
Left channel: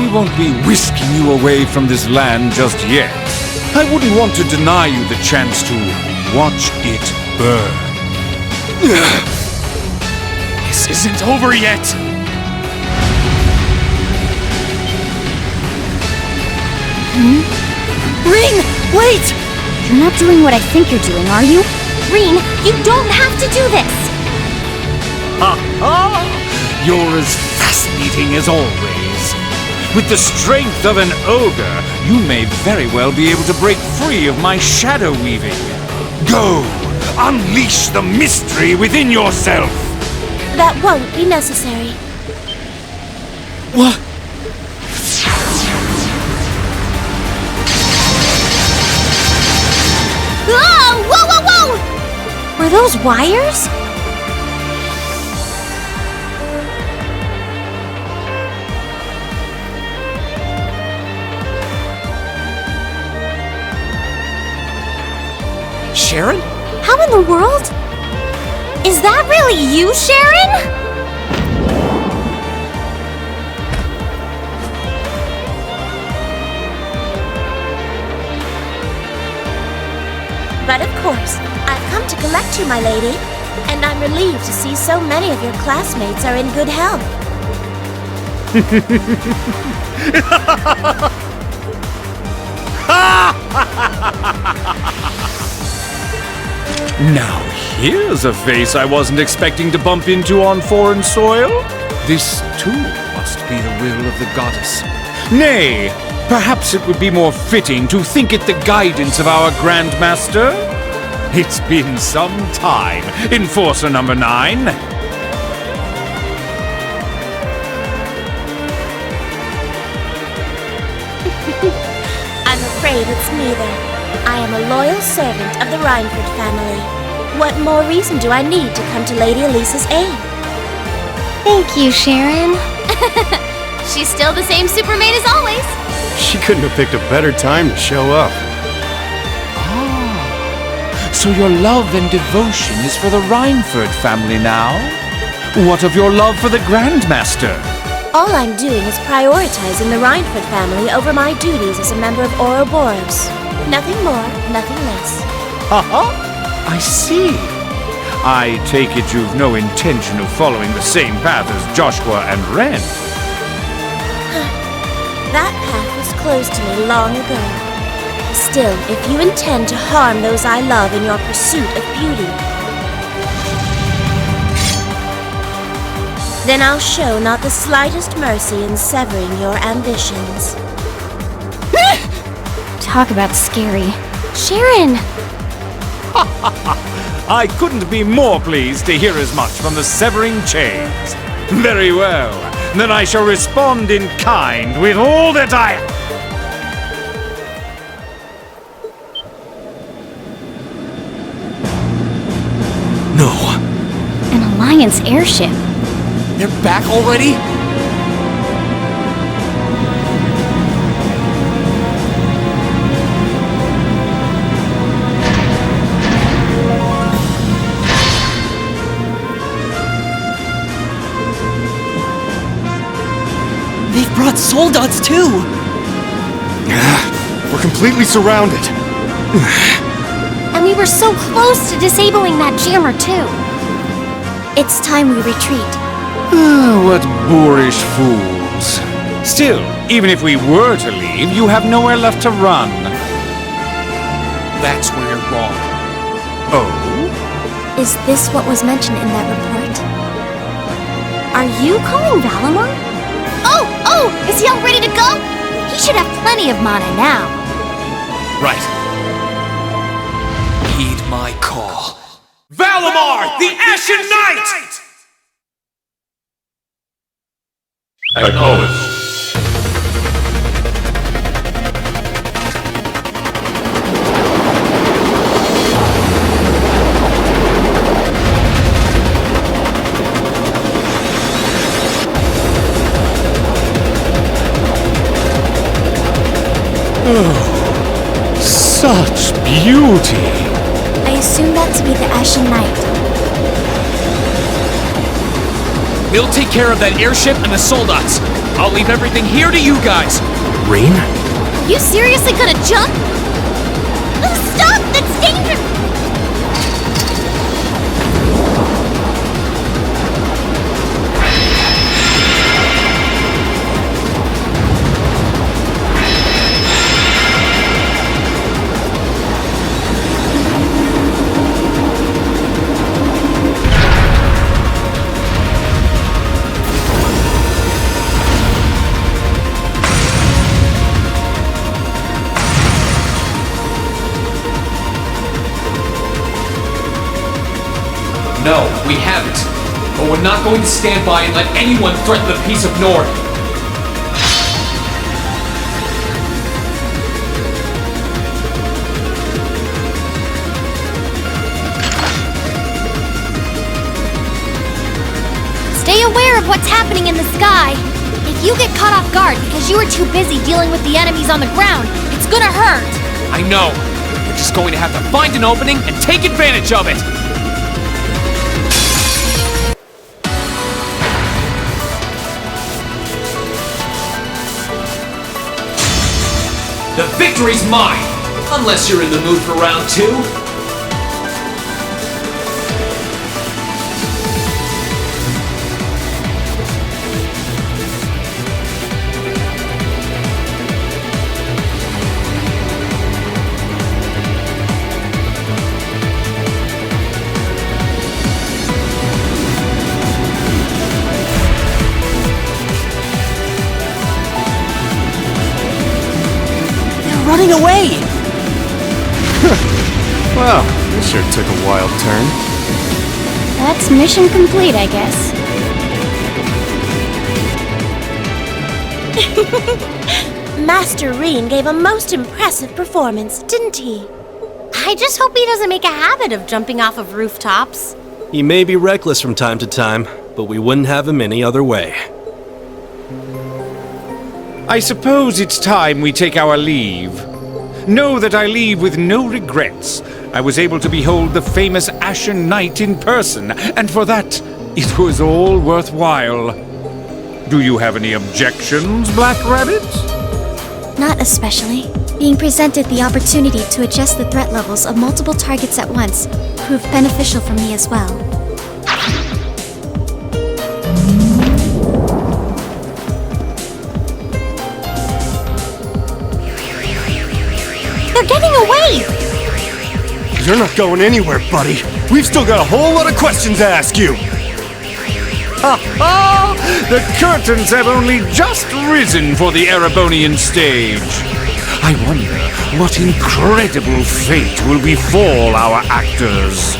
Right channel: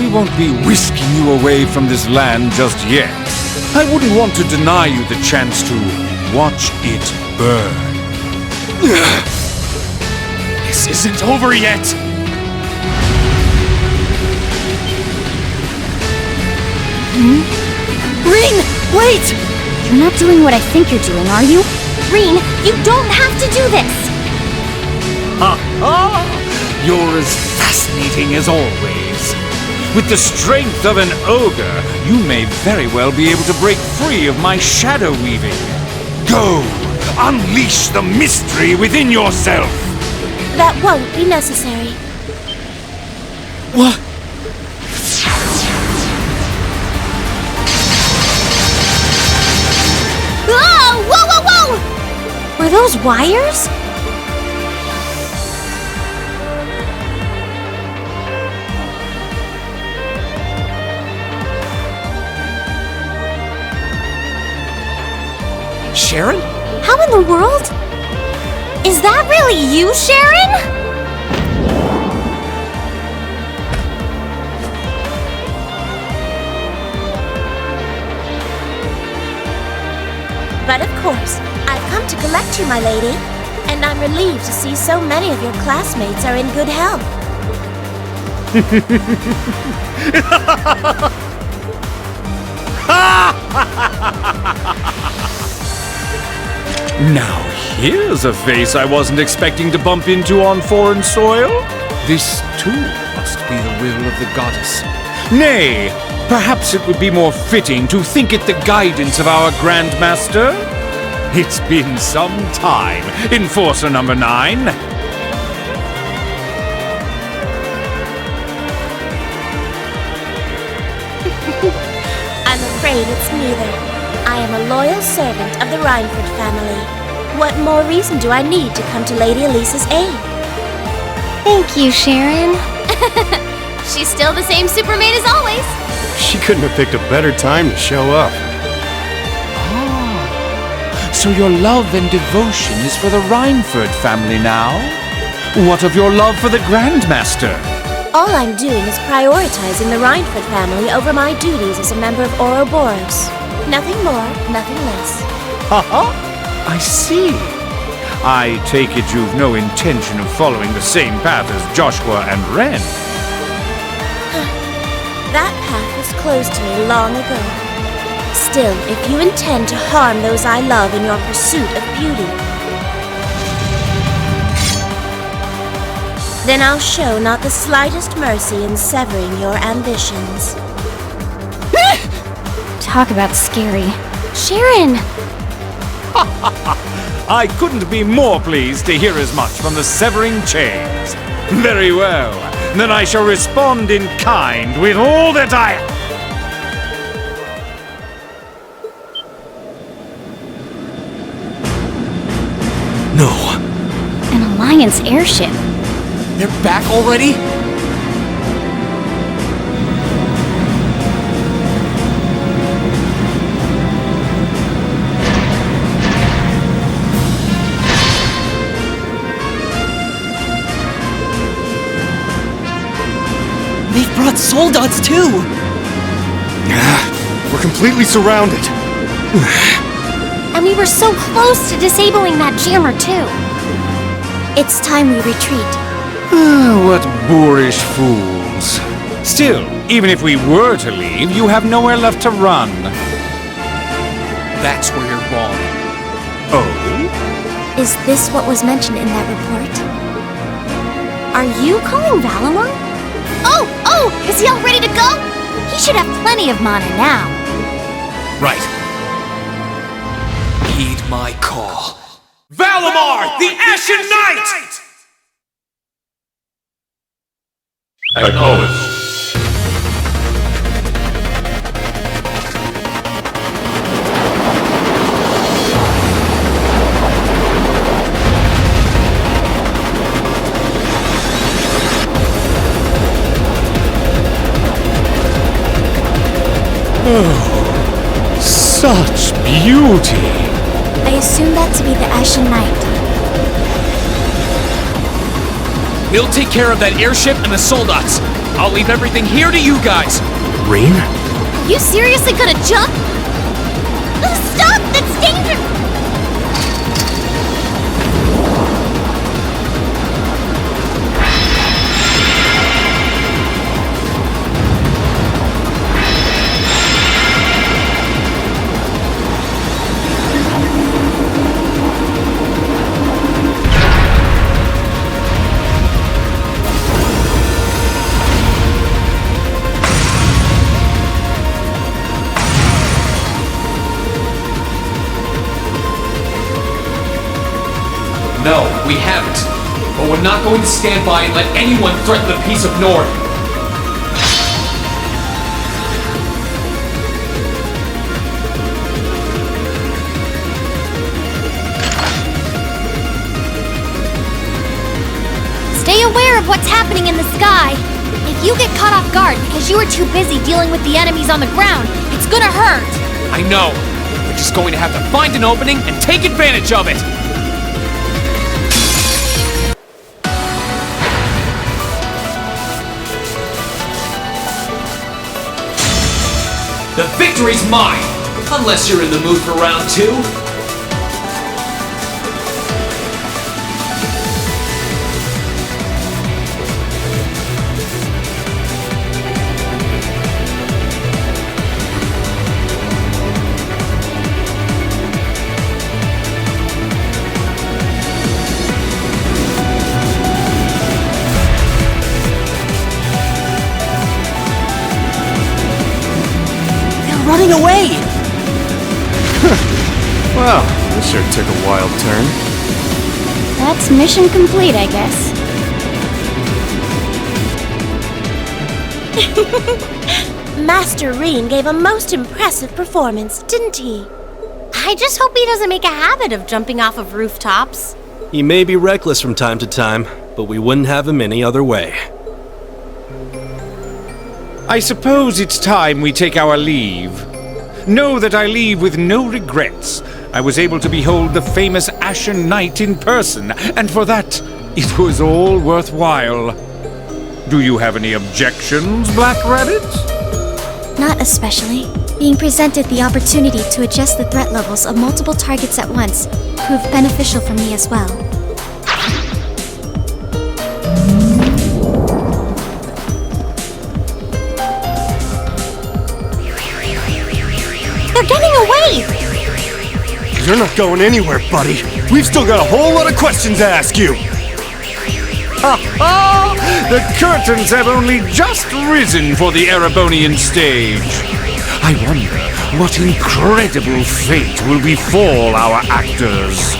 We won't be whisking you away from this land just yet. I wouldn't want to deny you the chance to watch it burn. This isn't over yet! Ring, wait! You're not doing what I think you're doing, are you? Ring, you don't have to do this! Ha ha! You're as fascinating as always. With the strength of an ogre, you may very well be able to break free of my shadow weaving. Go! Unleash the mystery within yourself! That won't be necessary. What? Oh, whoa, whoa, whoa! Were those wires? Sharon? How in the world? Is that really you, Sharon? But of course, I've come to collect you, my lady. And I'm relieved to see so many of your classmates are in good health. Now here's a face I wasn't expecting to bump into on foreign soil. This too must be the will of the goddess. Nay, Perhaps it would be more fitting to think it the guidance of our Grand Master? It's been some time, Enforcer number 9. I'm afraid it's neither. I am a loyal servant of the Rhineford family. What more reason do I need to come to Lady Elisa's aid? Thank you, Sharon. She's still the same Supermaid as always. She couldn't have picked a better time to show up. So your love and devotion is for the Rhineford family now? What of your love for the Grandmaster? All I'm doing is prioritizing the Rhineford family over my duties as a member of Ouroboros. Nothing more, nothing less. I see. I take it you've no intention of following the same path as Joshua and Ren. That path was closed to me long ago. Still, if you intend to harm those I love in your pursuit of beauty, then I'll show not the slightest mercy in severing your ambitions. Talk about scary. Sharon! I couldn't be more pleased to hear as much from the severing chains. Very well. Then I shall respond in kind with all that I... No. An Alliance airship. They're back already? They've brought soldats too! We're completely surrounded. And we were so close to disabling that jammer, too. It's time we retreat. What boorish fools. Still, even if we were to leave, you have nowhere left to run. That's where you're wrong. Oh? Is this what was mentioned in that report? Are you calling Valimar? Oh, is he all ready to go? He should have plenty of mana now. Right. Heed my call. Valimar, the Ashen Knight! Acknowledged. Such beauty! I assume that to be the Ashen Knight. We'll take care of that airship and the soldats. I'll leave everything here to you guys. Rain? Are you seriously gonna jump? Stop! That's dangerous! No, we haven't. But we're not going to stand by and let anyone threaten the peace of Nord. Stay aware of what's happening in the sky. If you get caught off guard because you were too busy dealing with the enemies on the ground, it's gonna hurt. I know. We're just going to have to find an opening and take advantage of it. The victory's mine! Unless you're in the mood for round 2. getting away! Well, this sure took a wild turn. That's mission complete, I guess. Master Reen gave a most impressive performance, didn't he? I just hope he doesn't make a habit of jumping off of rooftops. He may be reckless from time to time, but we wouldn't have him any other way. I suppose it's time we take our leave. Know that I leave with no regrets. I was able to behold the famous Ashen Knight in person, and for that, it was all worthwhile. Do you have any objections, Black Rabbit? Not especially. Being presented the opportunity to adjust the threat levels of multiple targets at once proved beneficial for me as well. They're getting away! You're not going anywhere, buddy. We've still got a whole lot of questions to ask you. Ha ha! The curtains have only just risen for the Erebonian stage. I wonder what incredible fate will befall our actors.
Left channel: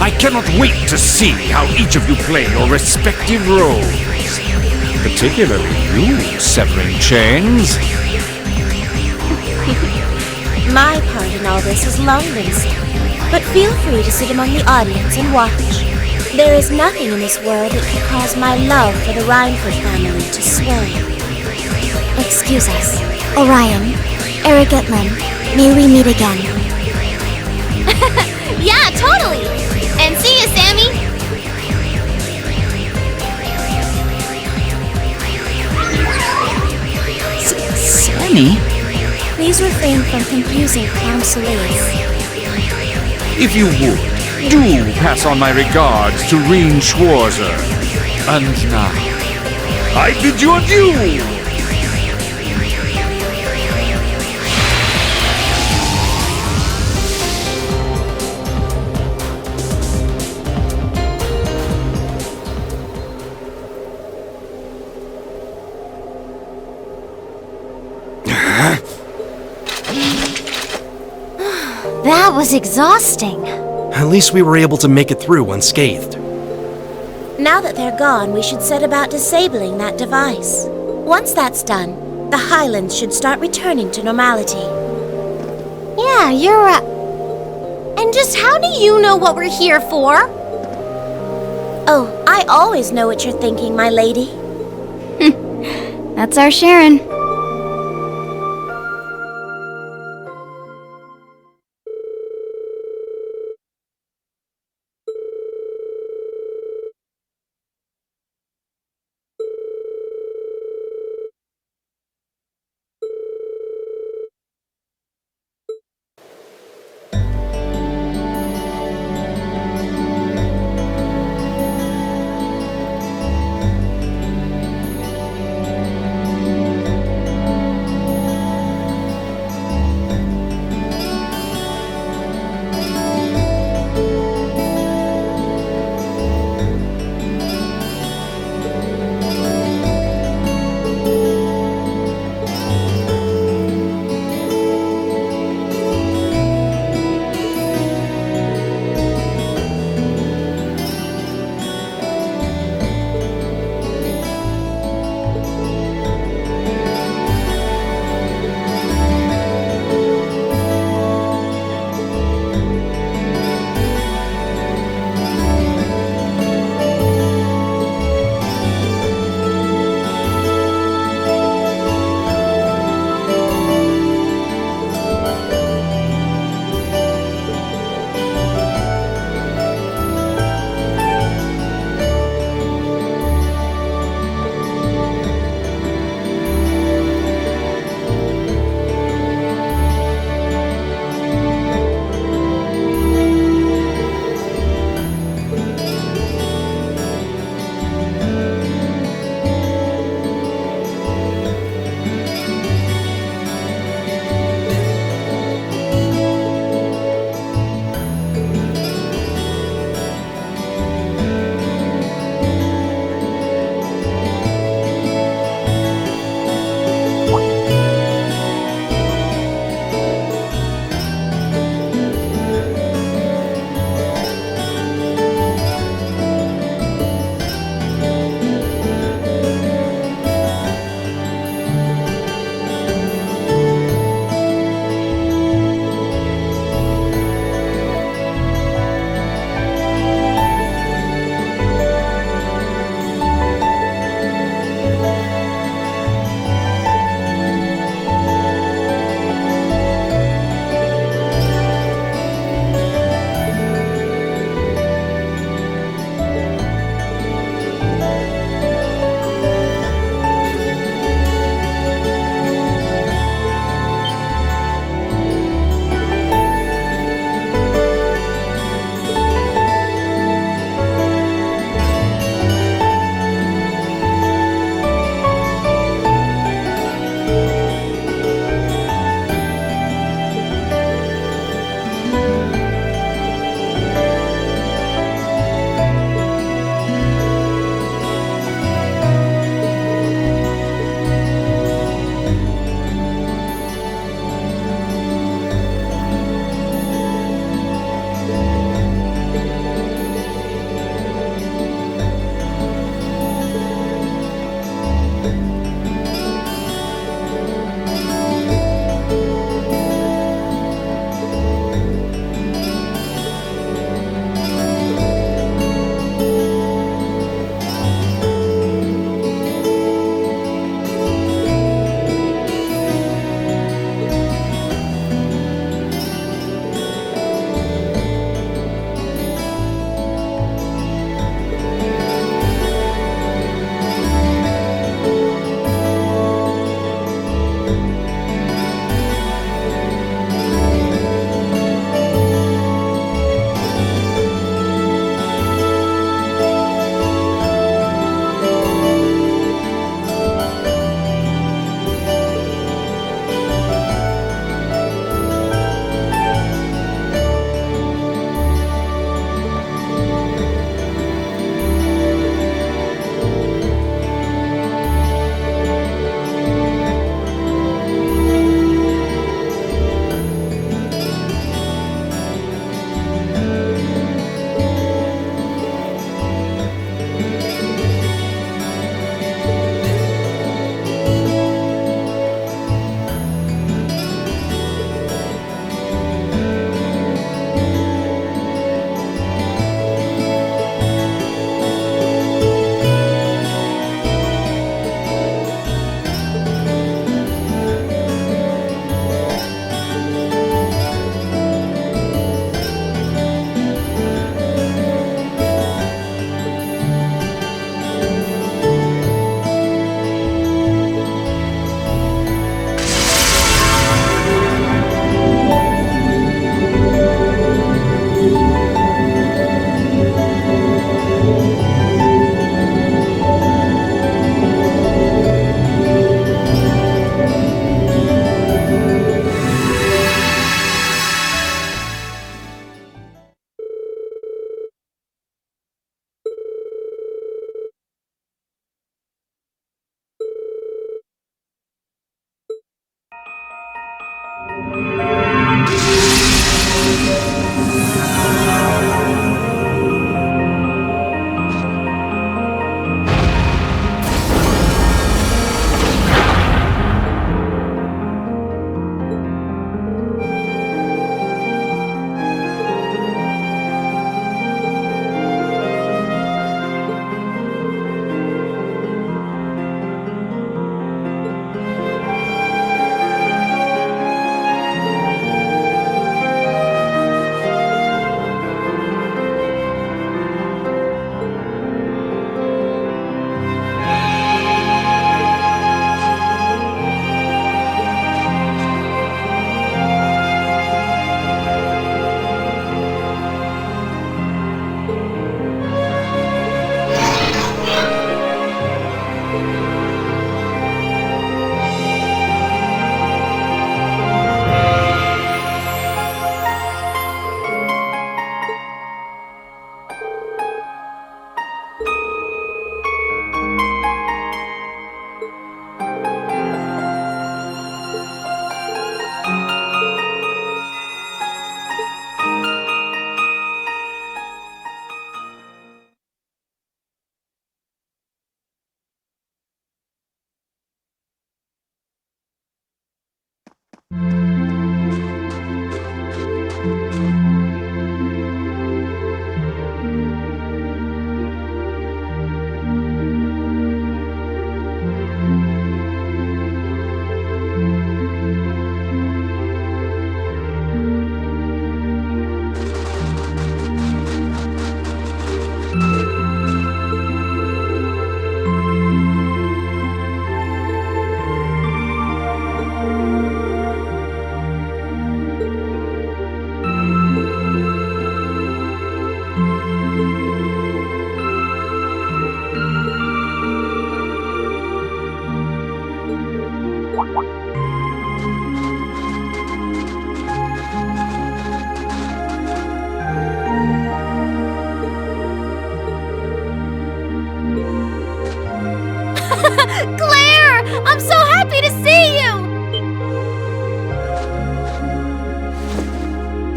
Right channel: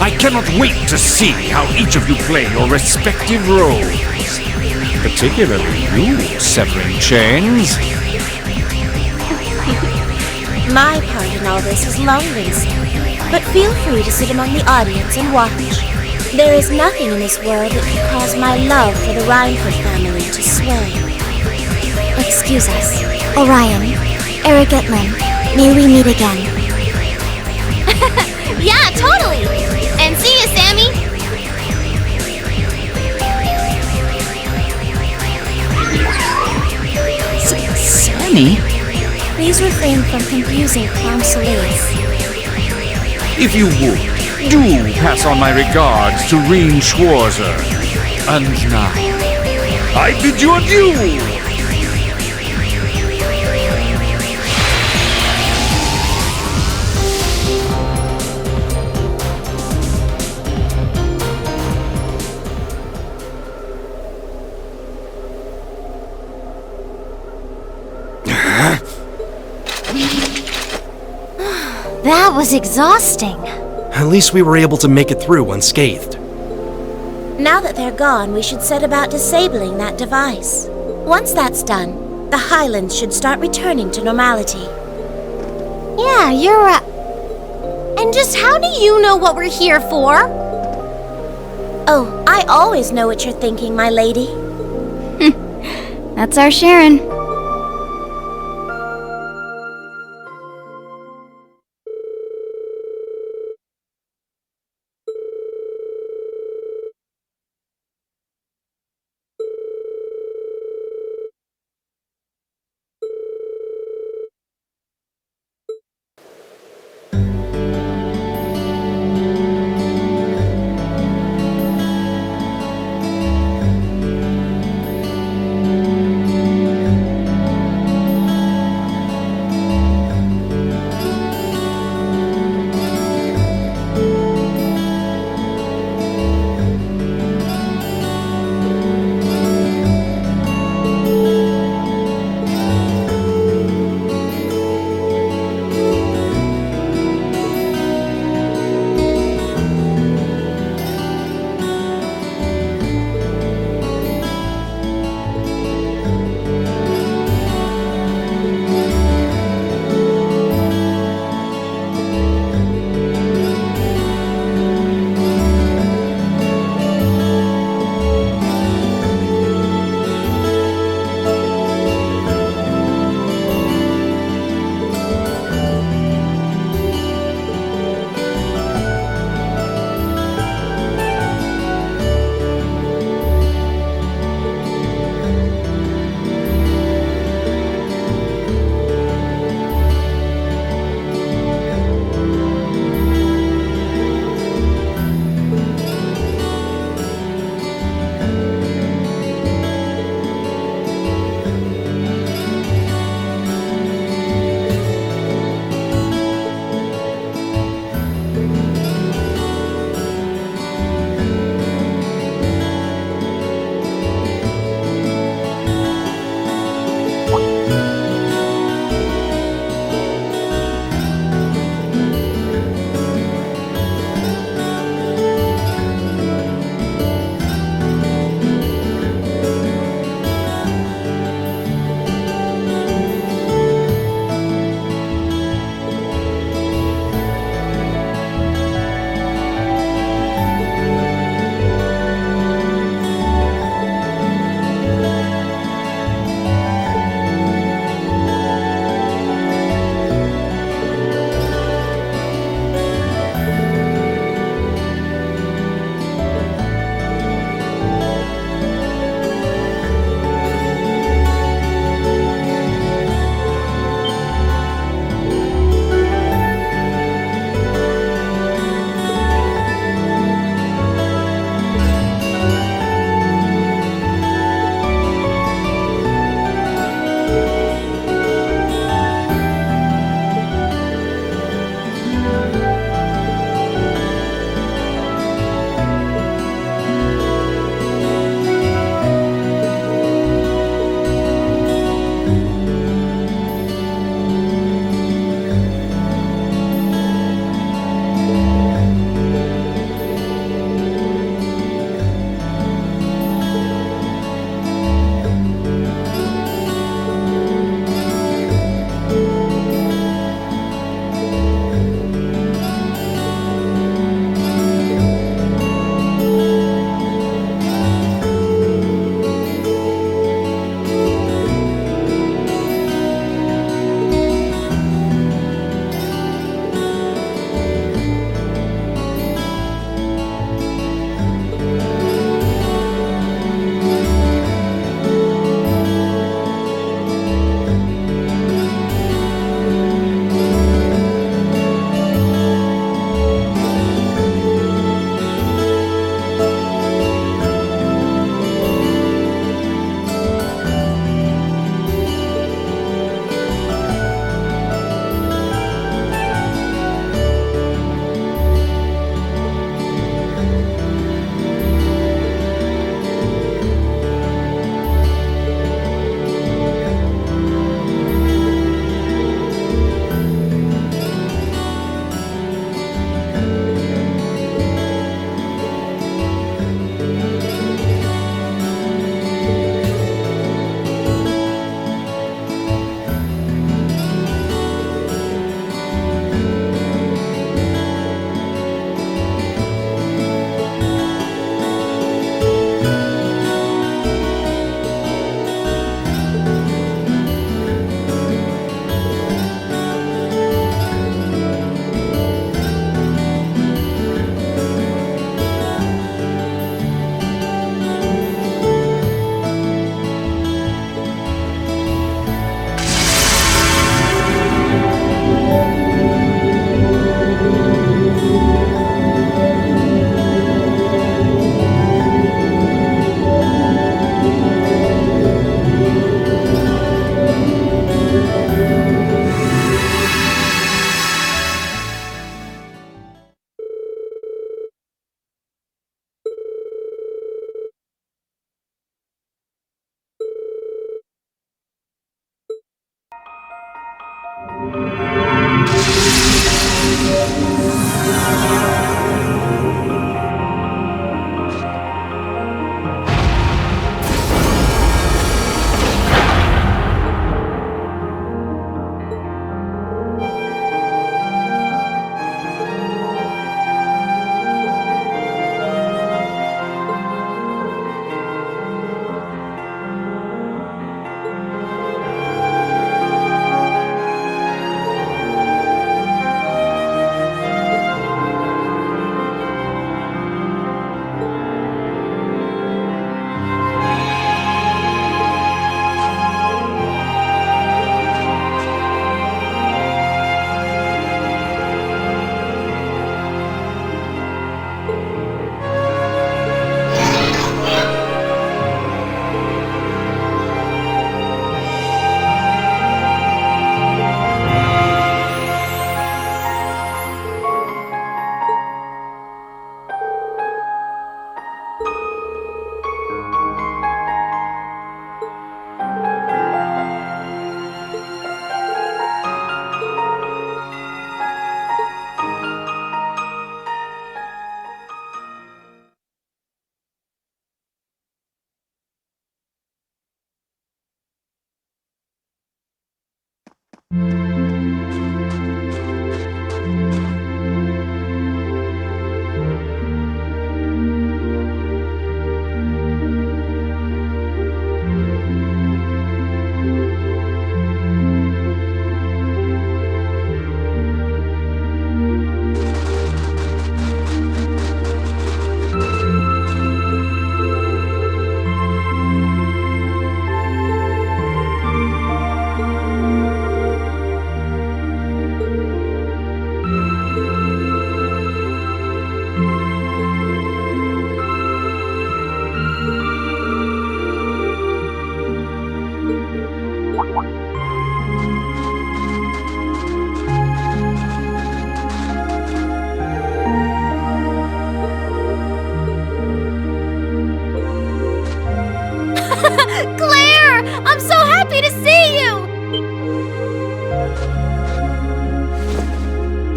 I cannot wait to see how each of you play your respective roles. Particularly you, severing chains. My part in all this is long been spent, but feel free to sit among the audience and watch. There is nothing in this world that could cause my love for the Rhineford family to sway. Excuse us. Orion, Erigetlan, may we meet again? Yeah, totally! And see you, Sammy! Sammy? Please refrain from confusing Clown Soleil's. If you would, do pass on my regards to Reen Schwarzer. And now, I bid you adieu! That was exhausting. At least we were able to make it through unscathed. Now that they're gone, we should set about disabling that device. Once that's done, the Highlands should start returning to normality. Yeah, you're right. And just how do you know what we're here for? Oh, I always know what you're thinking, my lady. That's our Sharon.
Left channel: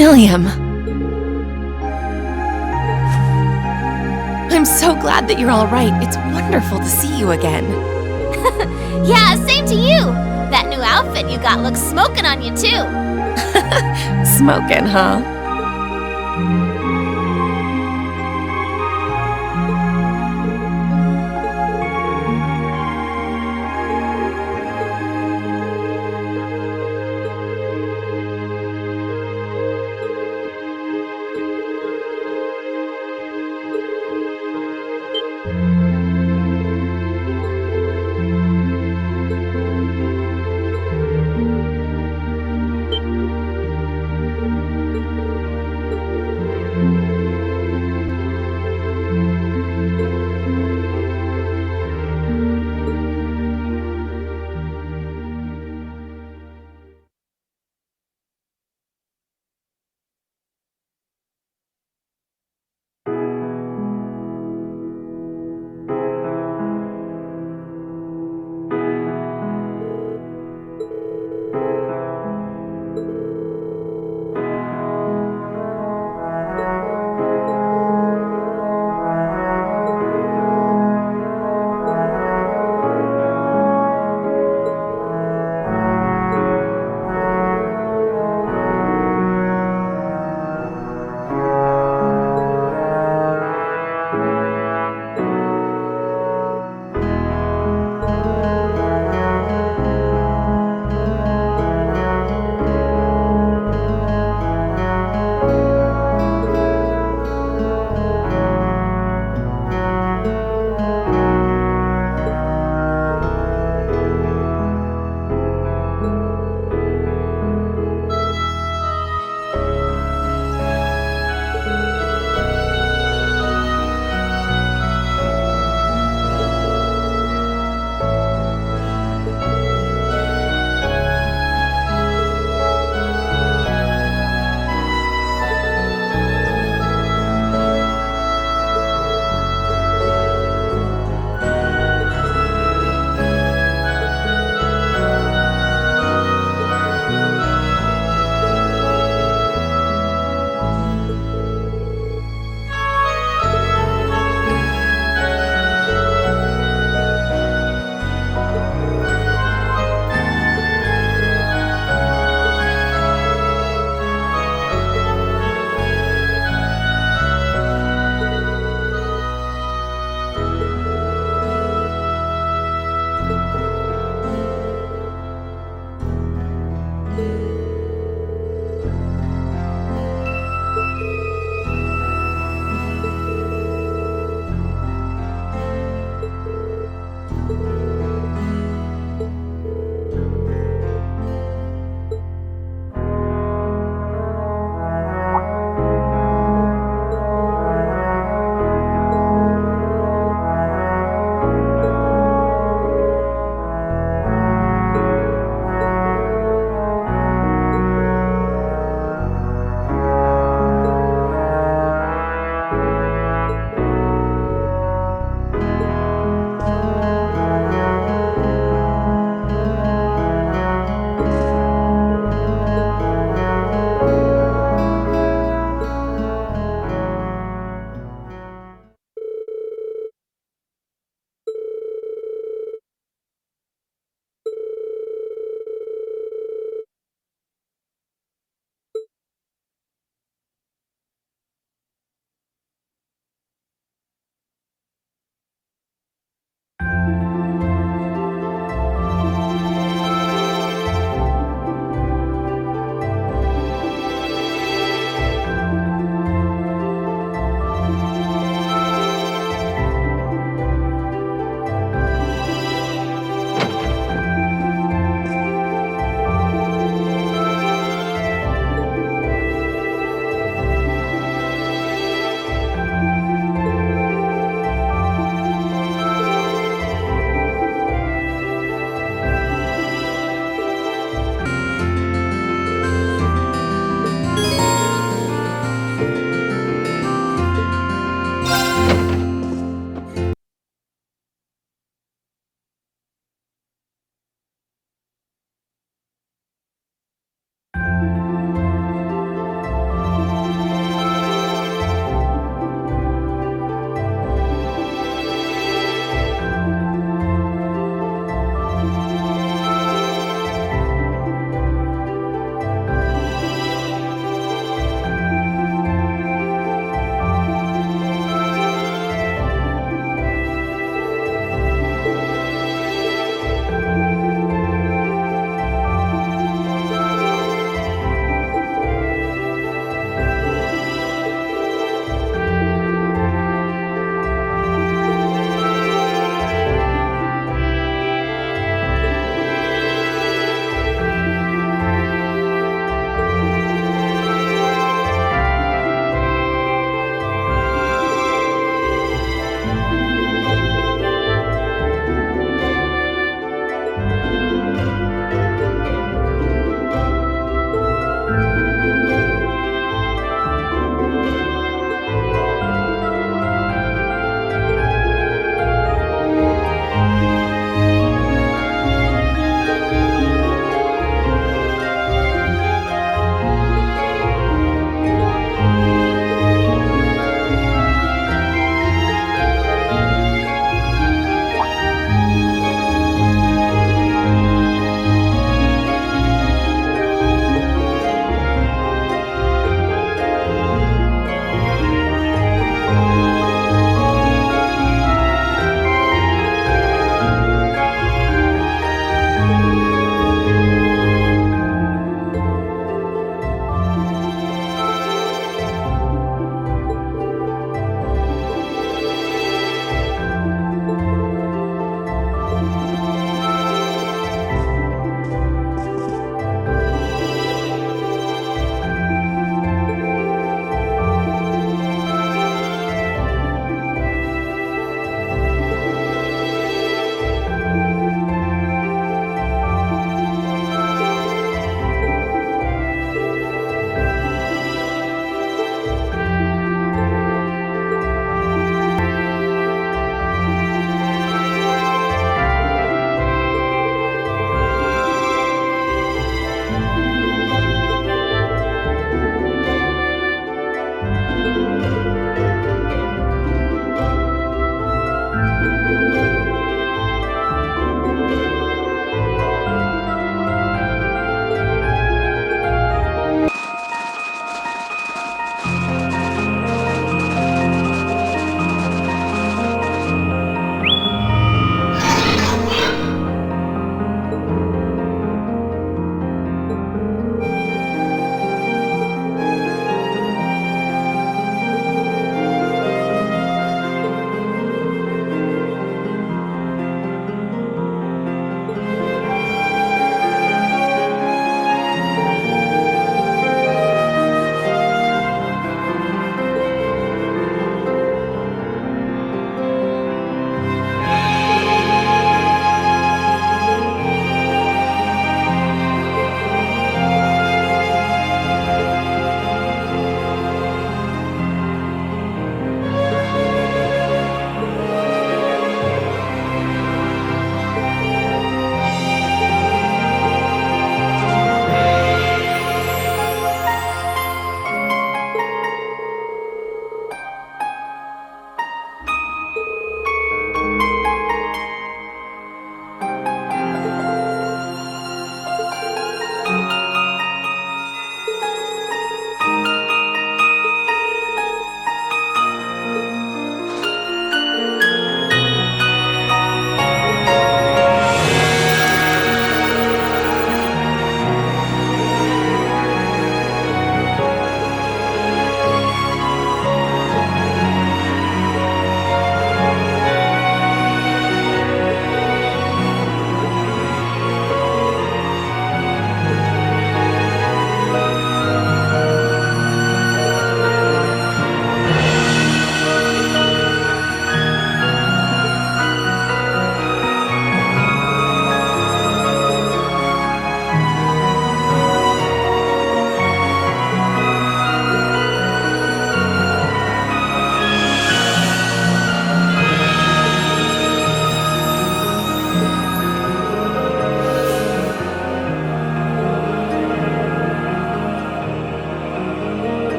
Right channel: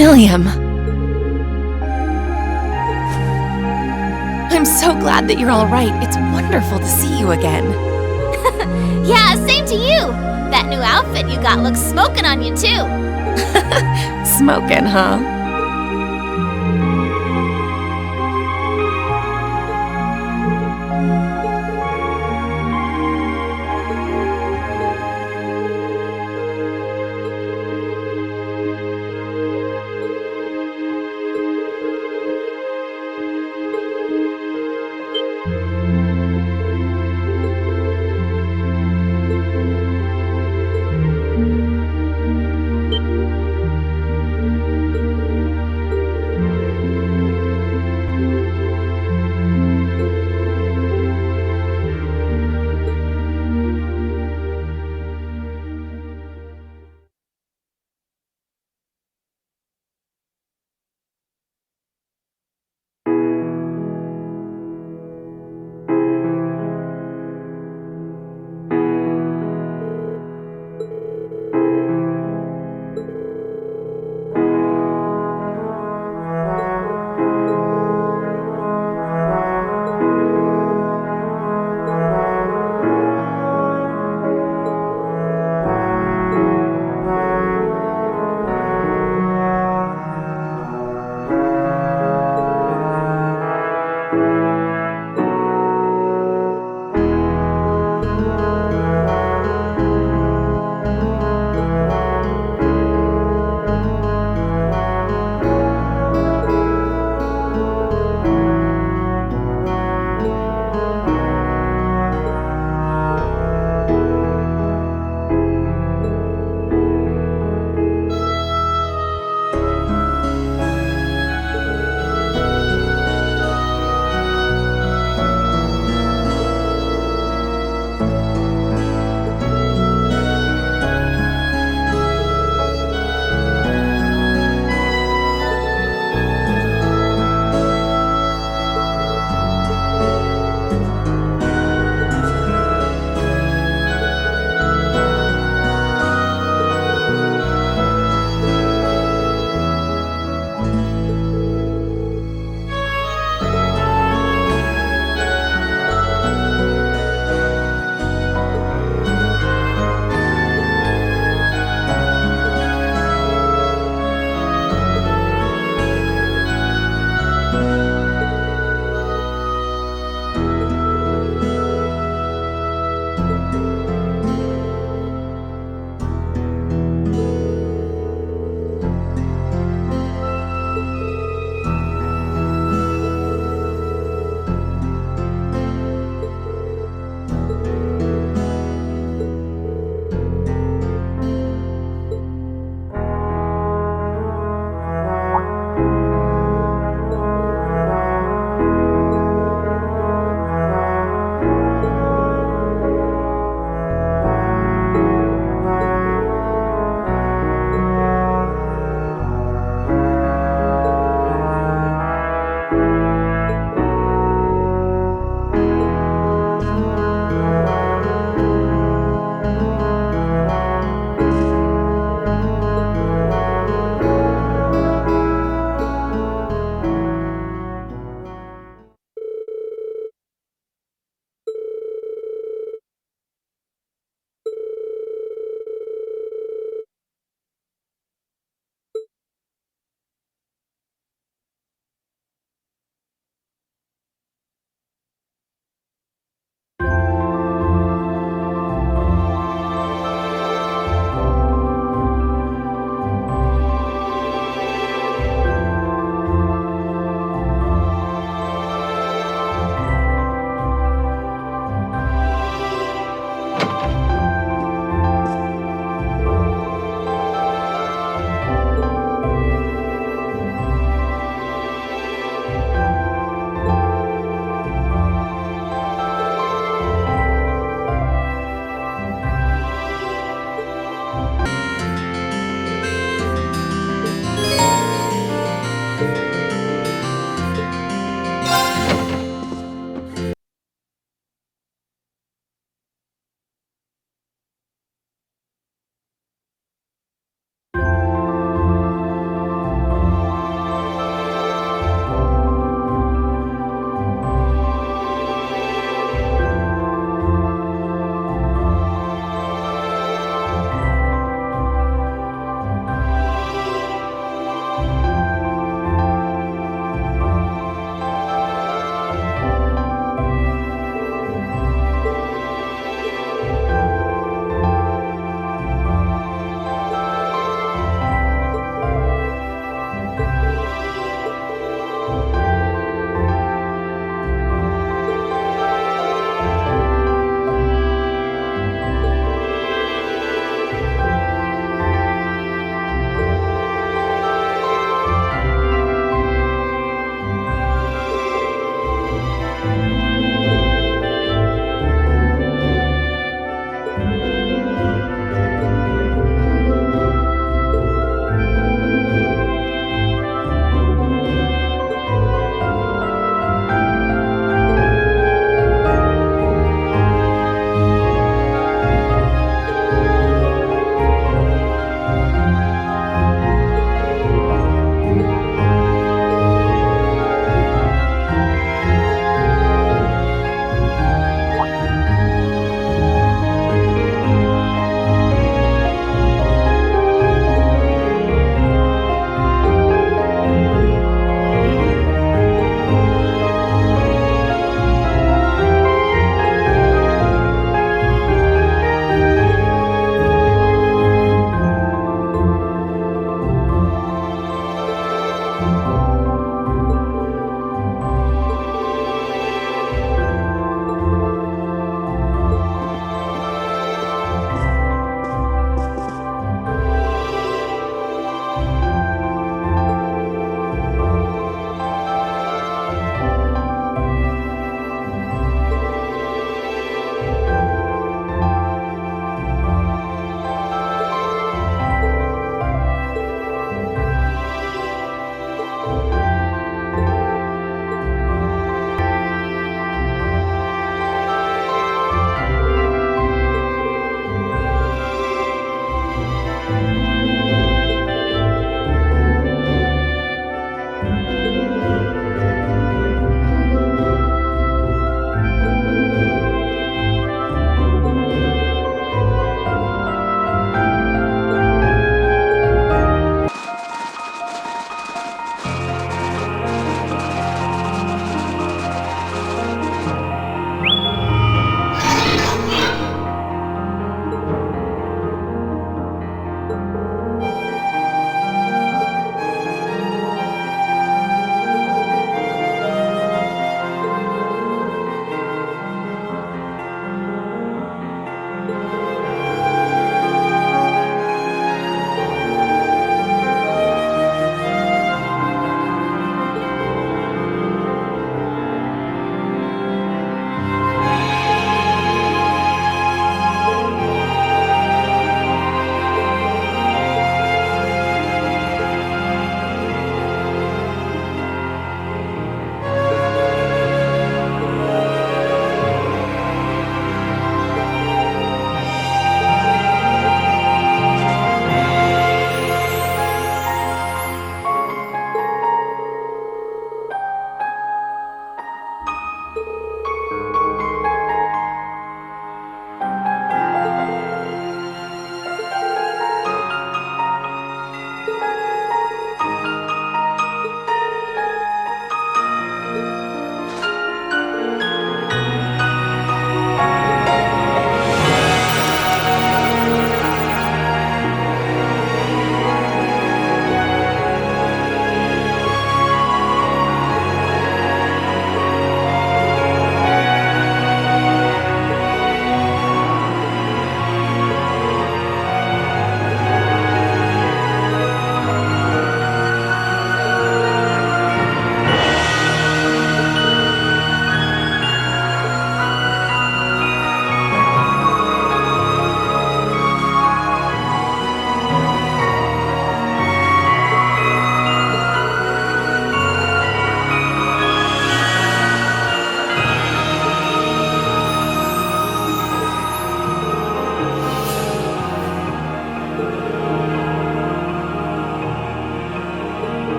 Milliam. I'm so glad that you're all right. It's wonderful to see you again. Yeah, same to you. That new outfit you got looks smoking on you too. Smoking, huh?